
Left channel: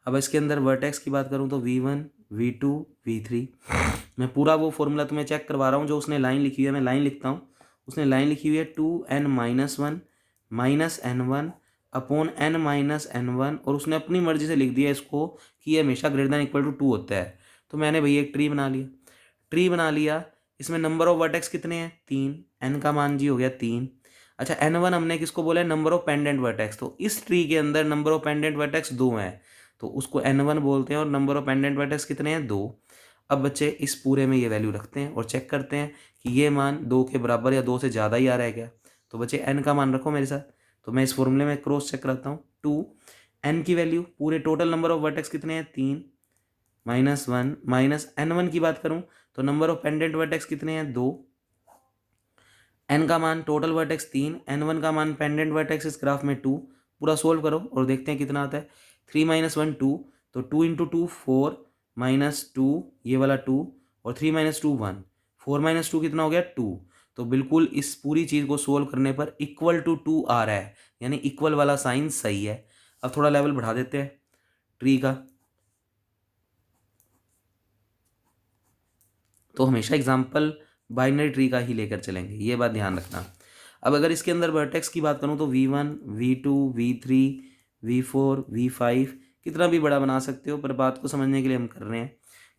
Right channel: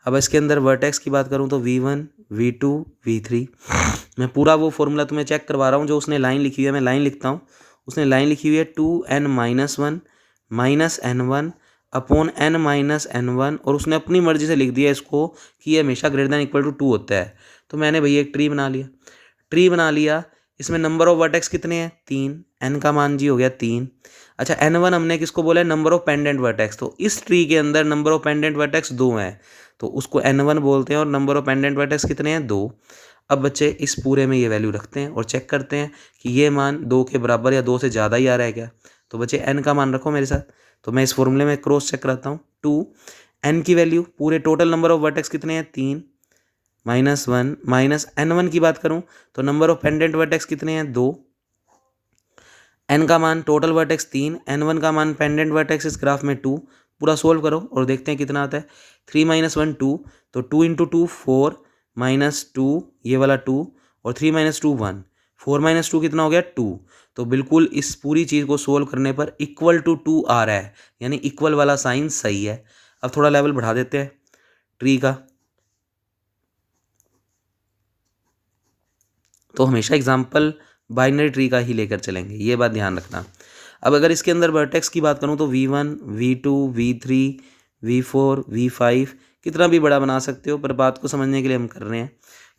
अब इसके अंदर वर्टेक्स की बात करूँ तो v1 v2 v3। मैं पूरा वो फॉर्मूला तुम्हें चेक करवा रहा हूँ जो उसने लाइन लिखी हुई है, मैं लाइन लिखता हूँ। उसने लाइन लिखी हुई है 2n-1 minus n1 upon n-1, और उसने अपनी मर्जी से लिख दिया इसको कि ये हमेशा ग्रेटर देन इक्वल टू 2 होता है। तो मैंने भैया एक ट्री बना लिया। इसमें नंबर ऑफ वर्टेक्स कितने हैं, 3, n का मान जी हो गया 3। अच्छा n1 हमने किसको बोला है, नंबर ऑफ पेंडेंट वर्टेक्स। तो इस ट्री के अंदर नंबर ऑफ पेंडेंट वर्टेक्स 2 हैं, तो उसको n1 बोलते हैं, और नंबर ऑफ पेंडेंट वर्टेक्स कितने हैं, 2। अब बच्चे इस पूरे में ये वैल्यू रखते हैं और चेक करते हैं कि ये मान 2 के बराबर या 2 से ज़्यादा ही आ रहा है क्या। तो बच्चे n का मान रखो मेरे साथ, तो मैं इस फॉर्मूले में क्रॉस चेक कराता हूँ। 2 n की वैल्यू, पूरे टोटल नंबर ऑफ वर्टेक्स कितने हैं, 3, -1 माइनस n1 की बात करूँ तो नंबर ऑफ पेंडेंट वर्टेक्स कितने हैं 2, n का मान टोटल वर्टेक्स 3, n1 का मान पेंडेंट वर्टेक्स इस ग्राफ में 2। पूरा सोल्व करो और देखते हैं कितना आता है। 3 - 1 2, तो 2 × 2 4 -2 ये वाला 2 और 3 - 2 1, 4 - 2 कितना हो गया 2। तो बिल्कुल इस पूरी चीज़ को सोल्व करने पर इक्वल टू 2 आ रहा है, यानी इक्वल वाला साइन सही है। अब थोड़ा लेवल बढ़ा देते हैं ट्री का। तो हमेशा एग्जाम्पल बाइनरी ट्री का ही लेकर चलेंगे, ये बात ध्यान रखना। अब अगर इसके अंदर वर्टेक्स की बात करूँ तो v1 v2 v3 v4 v5 कितना भी बड़ा बना सकते हो, पर बात को समझने के लिए हम कर रहे हैं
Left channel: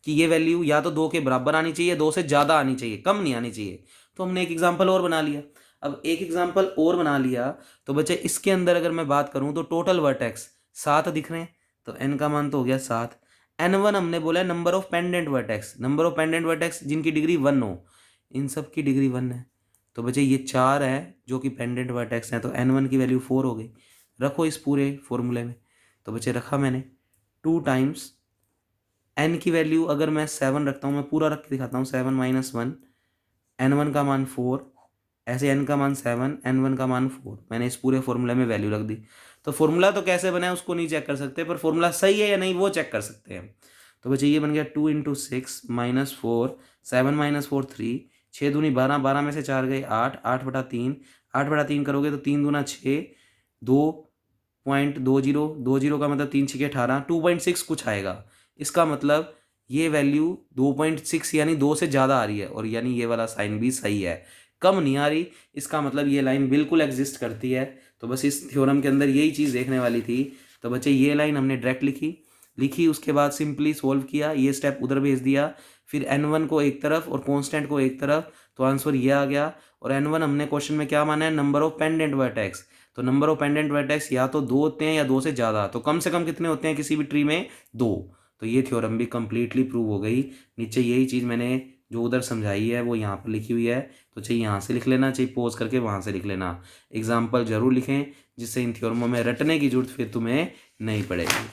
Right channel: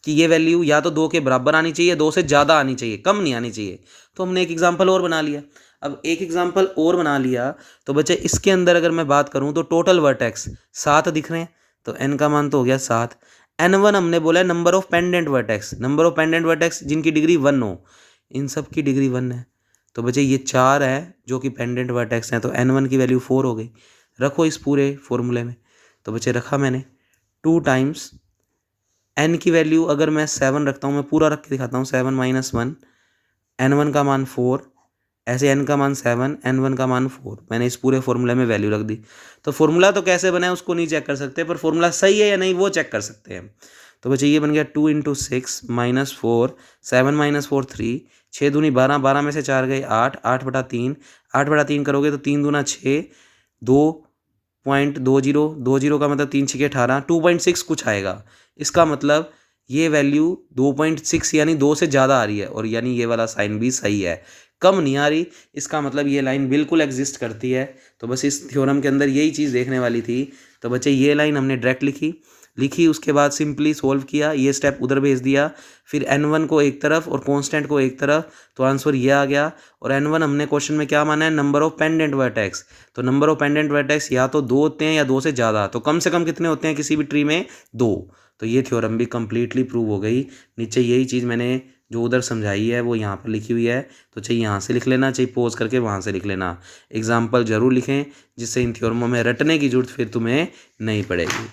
कि ये वैल्यू या तो 2 के बराबर आनी चाहिए, 2 से ज़्यादा आनी चाहिए, कम नहीं आनी चाहिए। तो हमने एक एग्जाम्पल और बना लिया। अब एक एग्जाम्पल और बना लिया तो बच्चे इसके अंदर अगर मैं बात करूँ तो टोटल वर्टेक्स 7 दिख रहे हैं, तो n का मान तो हो गया 7। n1 हमने बोला है number of pendant vertex, number of pendant vertex जिनकी डिग्री 1 हो, इन सब की डिग्री 1 है। तो बच्चे ये 4 है जो कि पेंडेंट वर्टेक्स हैं, तो n1 की वैल्यू 4 हो गई। रखो इस पूरे फॉर्मूले में। तो बच्चे रखा मैंने 2 टाइम्स n की वैल्यू अगर मैं 7 रखता हूँ, मैं पूरा रख के दिखाता हूँ, 7 - 1 n1 का मान 4, ऐसे n का मान 7 n1 का मान 4, मैंने इस पूरे फॉर्मूले में वैल्यू रख दी। तो फॉर्मूला तो कैसे बना है उसको नहीं चेक कर सकते, पर फॉर्मूला सही है या नहीं वो चेक कर सकते हैं। तो बच्चे ये बन गया 2 × 6 -4 7 - 4 3, 6 दूनी 12, 12 में से 4 गए 8, 8/3, 8/3 करोगे तो 3 दूना 6, 2.20, 20 का मतलब 3 6 18, 2.6 कुछ आएगा। इसका मतलब ये वैल्यू 2.6 यानी 2 से ज़्यादा आ रही है, और यानी ये वाला साइन भी सही है, कम नहीं आ रही। इसका मतलब ये लाइन बिल्कुल एग्जिस्ट करती है। तो बस इस थ्योरम के अंदर यही चीज़ देखने वाली थी। तो बच्चे ये लाइन हमने डायरेक्ट लिखी, उसके बाद सिंपली सोल्व किया, ये स्टेप उधर भेज दिया, फिर n1 को एक तरफ और कांस्टेंट को एक तरफ, तो आंसर ये आ गया। और n1 हमने क्वेश्चन में क्या माना है, नंबर ऑफ पेंडेंट वर्टेक्स। तो नंबर ऑफ पेंडेंट वर्टेक्स या तो 2 होते हैं या 2 से ज़्यादा, तो कम से कम कितने होते हैं किसी भी ट्री में, 2। तो ये थ्योरम भी कम्प्लीटली प्रूव हो गई। नीचे यही चीज़ मैंने जो उधर समझाई है वो यहाँ पर लिखी हुई है, तो चाहिए यहाँ से लिख लेना, चाहिए पॉज करके वहाँ से लिख लेना। एग्जाम्पल जरूर लिखें जिससे इन थ्योरमों में रटने की जरूरत फिर तुम्हें नहीं पड़ेगी।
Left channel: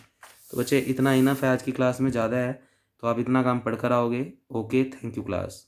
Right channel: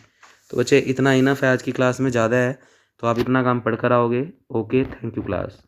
तो बच्चे इतना इनफ है आज की क्लास में, ज़्यादा है तो आप इतना काम पढ़ कर आओगे। Okay, thank you class.